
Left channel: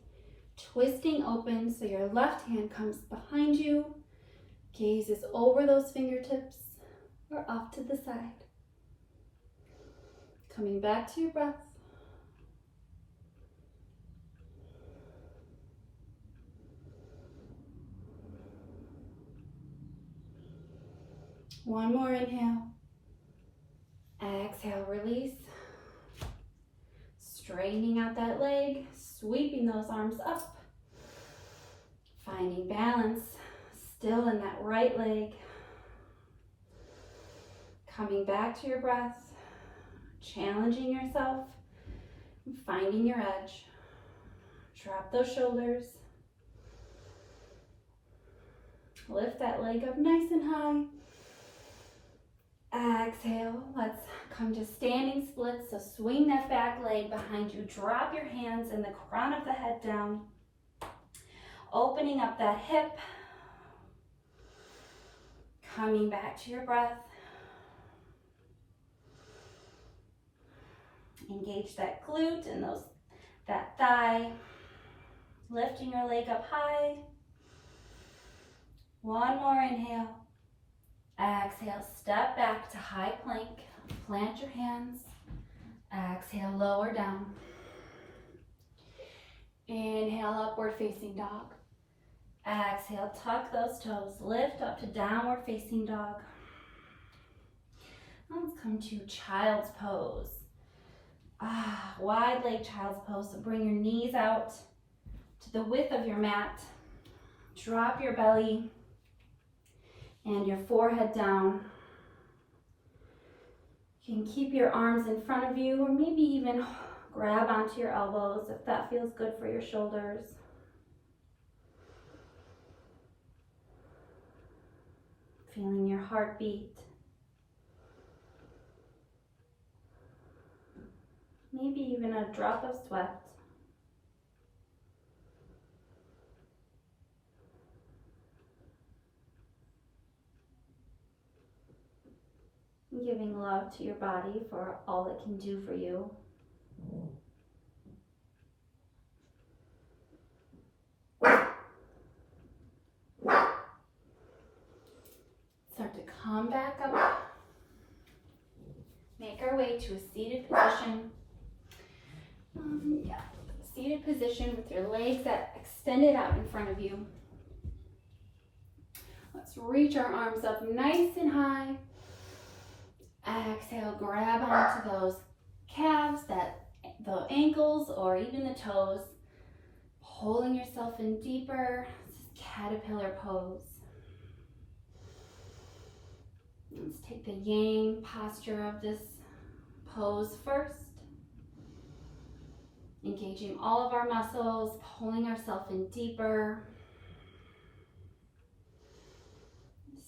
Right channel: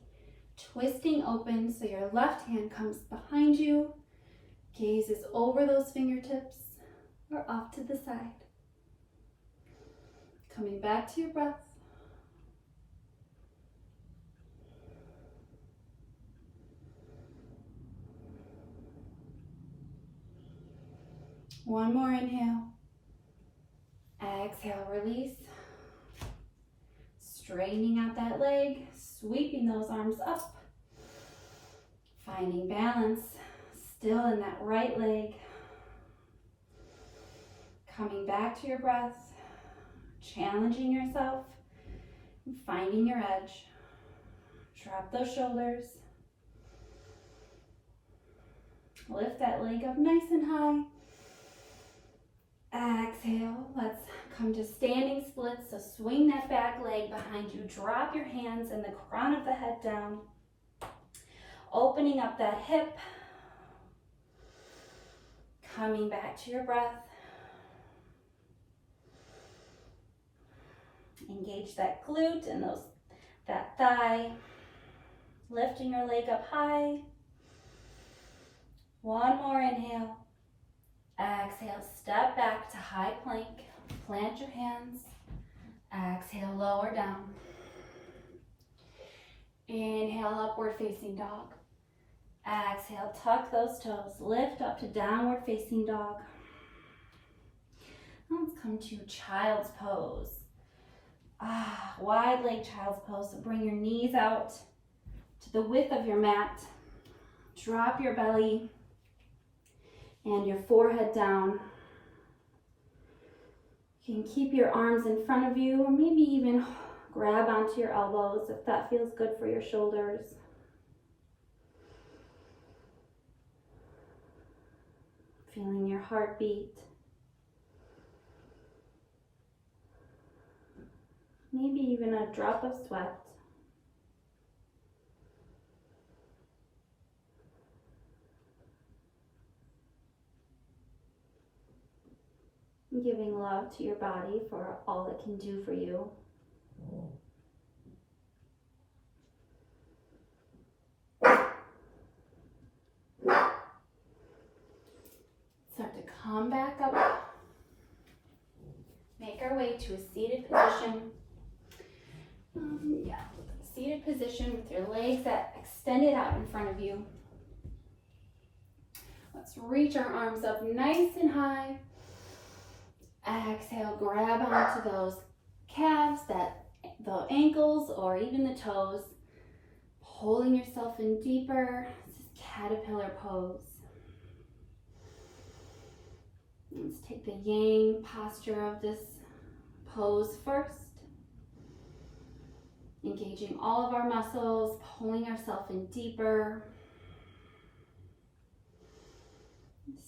twisting open so your left hand comes behind you. Gaze is over those fingertips or off to the side. Coming back to your breath. One more inhale. Exhale, release. Straightening out that leg, sweeping those arms up. Finding balance still in that right leg. Coming back to your breath, challenging yourself, finding your edge. Drop those shoulders. Lift that leg up nice and high. Exhale. Let's come to standing splits. So swing that back leg behind you. Drop your hands and the crown of the head down. Opening up that hip. Coming back to your breath. Engage that glute and that thigh. Lifting your leg up high. One more inhale. Exhale, step back to high plank. Plant your hands. Exhale, lower down. Inhale, upward facing dog. Exhale, tuck those toes. Lift up to downward facing dog. Let's come to child's pose. Wide leg child's pose. So bring your knees out to the width of your mat. Drop your belly and your forehead down. You can keep your arms in front of you or maybe even grab onto your elbows if that feels good for your shoulders. Feeling your heartbeat. Maybe even a drop of sweat. Giving love to your body for all it can do for you. Start to come back up. Make our way to a seated position. Seated position with your legs that extended out in front of you. Let's reach our arms up nice and high. Exhale, grab onto those calves, the ankles, or even the toes. Pulling yourself in deeper. This is caterpillar pose. Let's take the yang posture of this pose first. Engaging all of our muscles, pulling ourselves in deeper.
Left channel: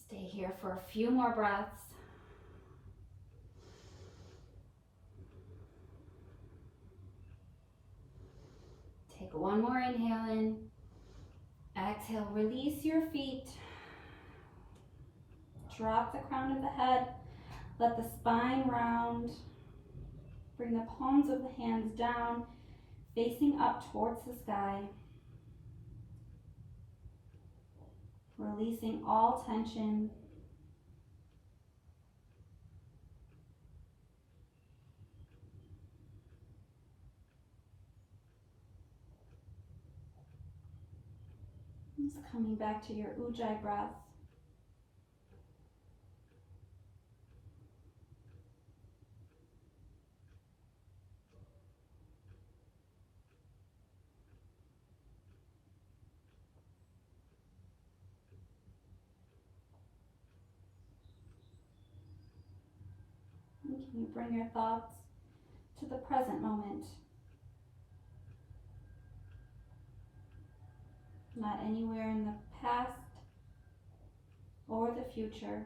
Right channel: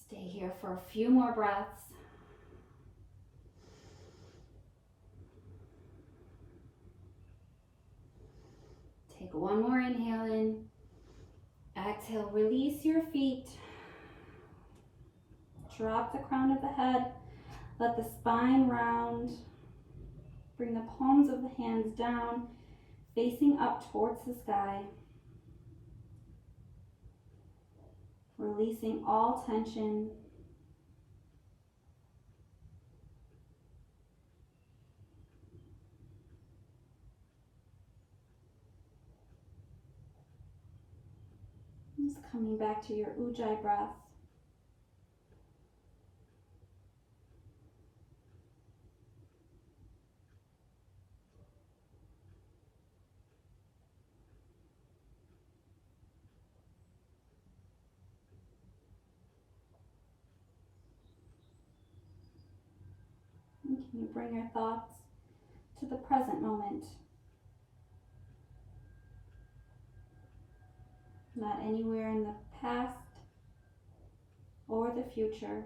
Stay here for a few more breaths. Take one more inhale in. Exhale, release your feet. Drop the crown of the head. Let the spine round. Bring the palms of the hands down, facing up towards the sky. Releasing all tension. Just coming back to your Ujjayi breath. And can you bring your thoughts to the present moment? Not anywhere in the past or the future.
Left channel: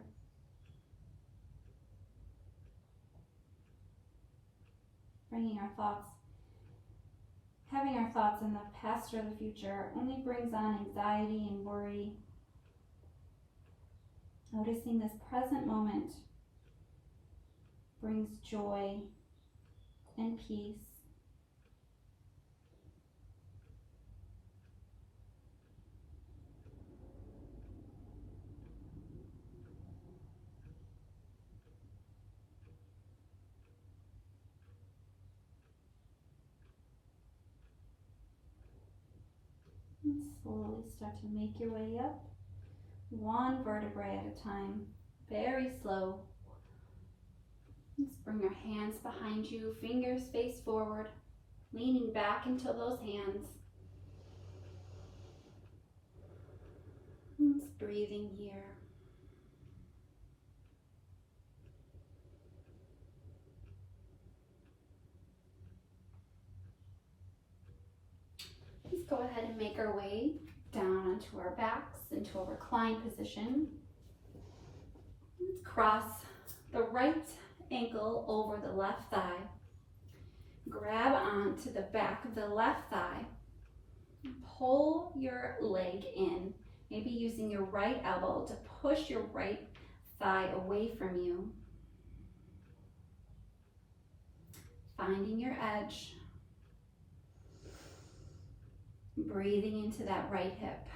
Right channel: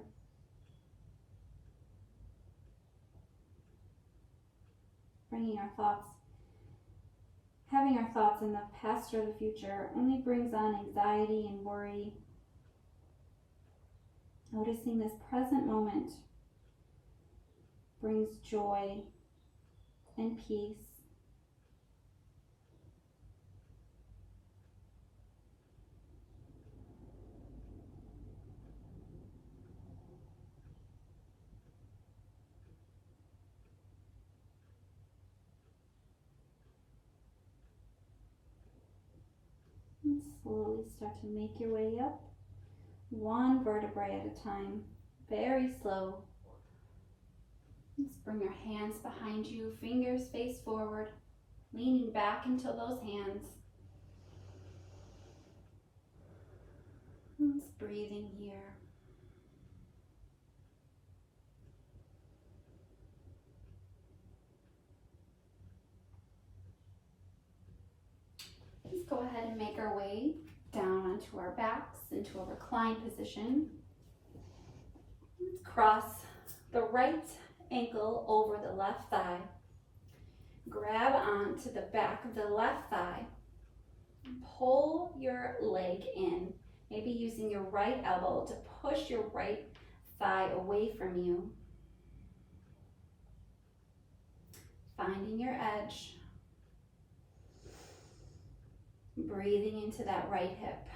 Bringing our thoughts, having our thoughts in the past or the future only brings on anxiety and worry. Noticing this present moment brings joy and peace. And slowly start to make your way up, one vertebrae at a time, very slow. Just bring your hands behind you, fingers face forward, leaning back into those hands. breathing here. Let's go ahead and make our way down onto our backs into a reclined position. Let's cross the right ankle over the left thigh. Grab onto the back of the left thigh. Pull your leg in, maybe using your right elbow to push your right thigh away from you. Finding your edge. Breathing into that right hip.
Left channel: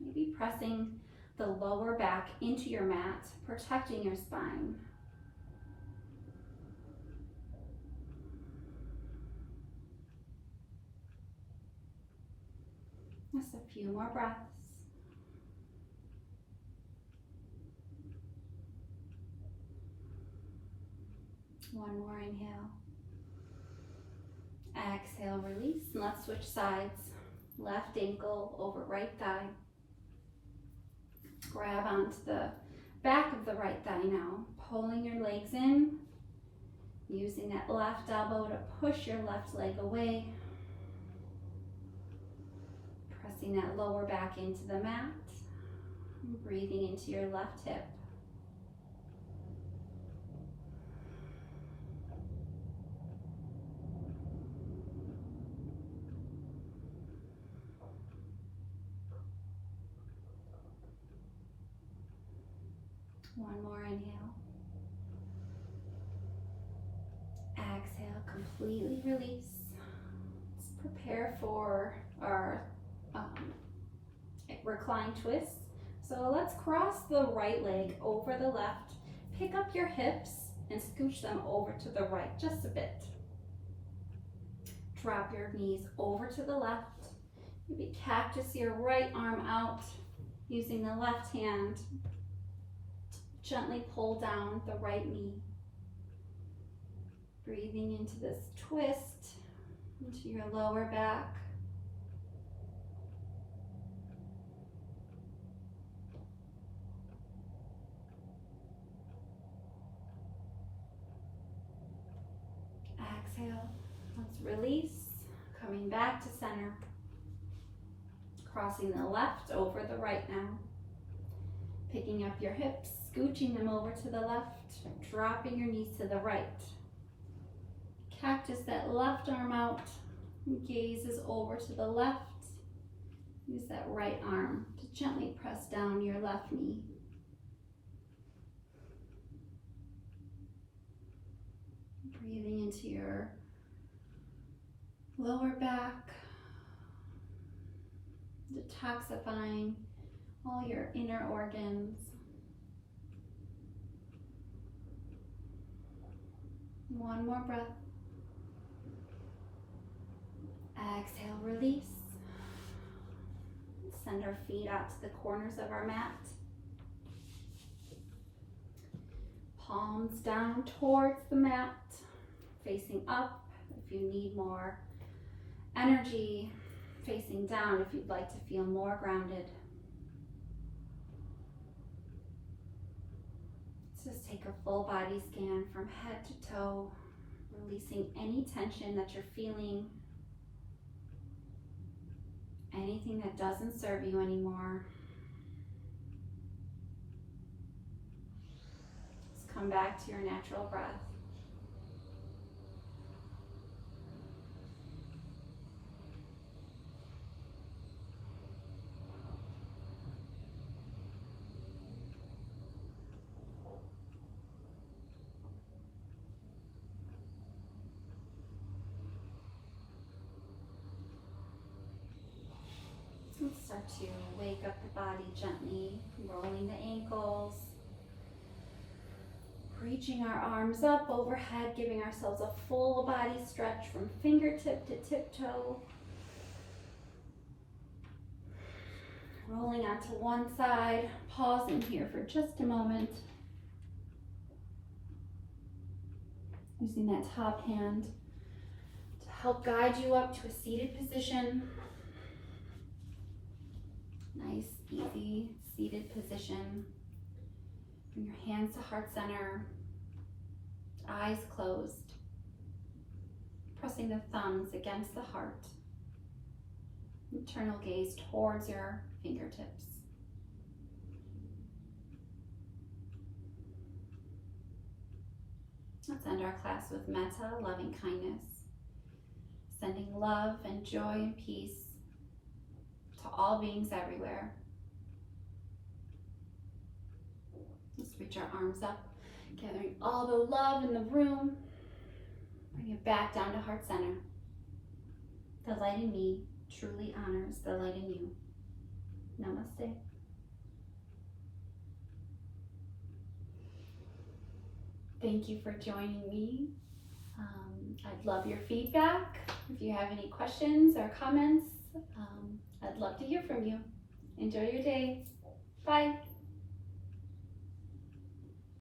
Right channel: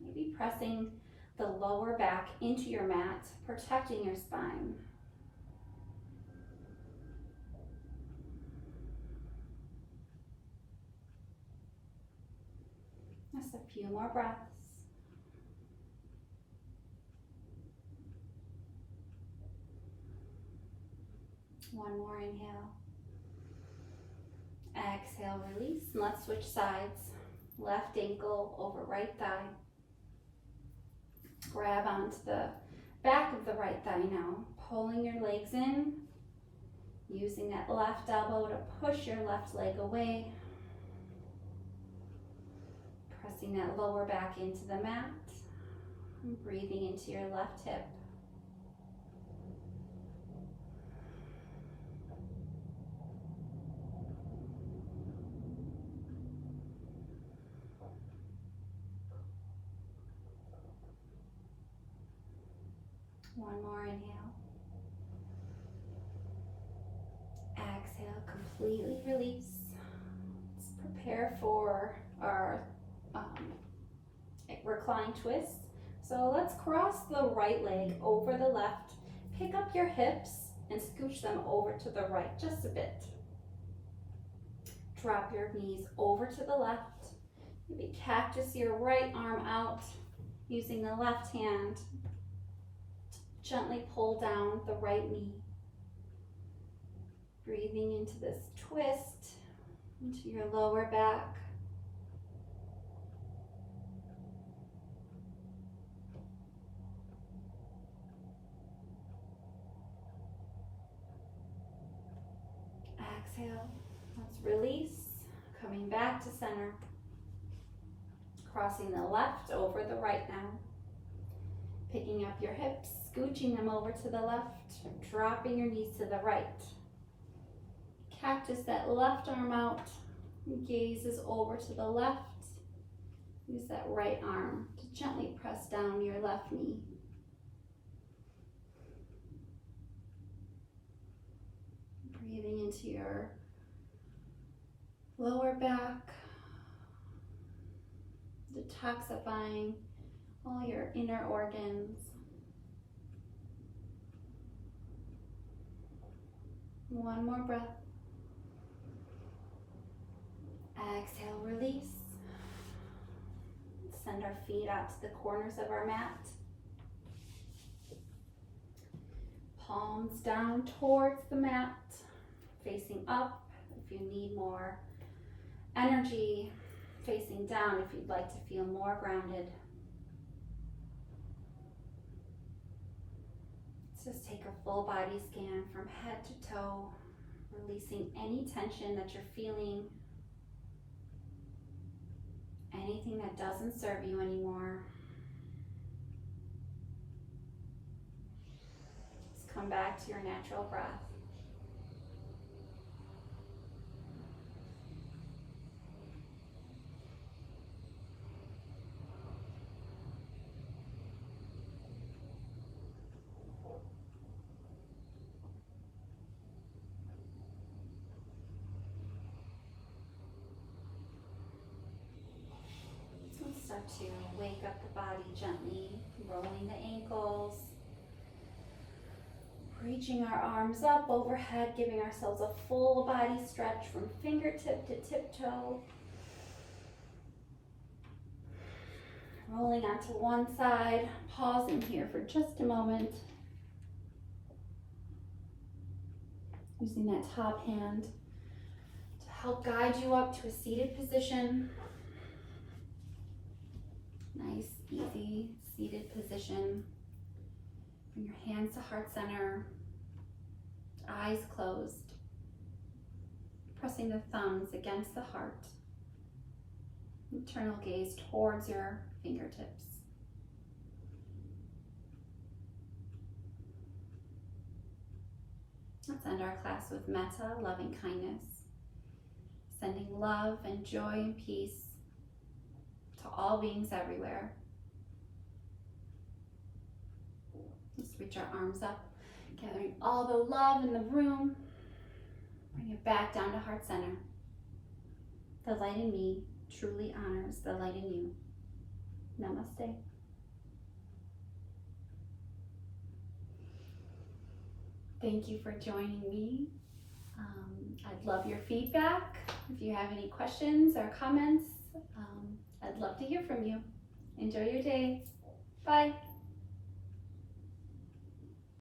Maybe pressing the lower back into your mat, protecting your spine. Just a few more breaths. One more inhale. Exhale, release, and let's switch sides. Left ankle over right thigh. Grab onto the back of the right thigh now, pulling your legs in, using that left elbow to push your left leg away. Pressing that lower back into the mat, and breathing into your left hip. One more inhale. Exhale, completely release. Let's prepare for our recline twist. So let's cross the right leg over the left. Pick up your hips and scooch them over to the right just a bit. Drop your knees over to the left. Maybe cactus your right arm out using the left hand. Gently pull down the right knee. Breathing into this twist, into your lower back. Exhale, let's release, coming back to center. Crossing the left over the right now. Picking up your hips, scooching them over to the left, dropping your knees to the right. Cactus that left arm out, gazes over to the left. Use that right arm to gently press down your left knee. Breathing into your lower back, detoxifying all your inner organs. One more breath. Exhale, release. Send our feet out to the corners of our mat. Palms down towards the mat, facing up if you need more energy, facing down if you'd like to feel more grounded. Let's just take a full body scan from head to toe, releasing any tension that you're feeling, anything that doesn't serve you anymore. Just come back to your natural breath. Let's start to wake up the body gently, rolling the ankles, reaching our arms up overhead, giving ourselves a full body stretch from fingertip to tiptoe. Rolling onto one side, pausing here for just a moment. Using that top hand to help guide you up to a seated position. Nice, easy, seated position. Bring your hands to heart center, eyes closed. Pressing the thumbs against the heart. Internal gaze towards your fingertips. Let's end our class with metta, loving kindness. Sending love and joy and peace to all beings everywhere. Let's reach our arms up, gathering all the love in the room. Bring it back down to heart center. The light in me truly honors the light in you. Namaste. Thank you for joining me. I'd love your feedback. If you have any questions or comments, I'd love to hear from you. Enjoy your day. Bye.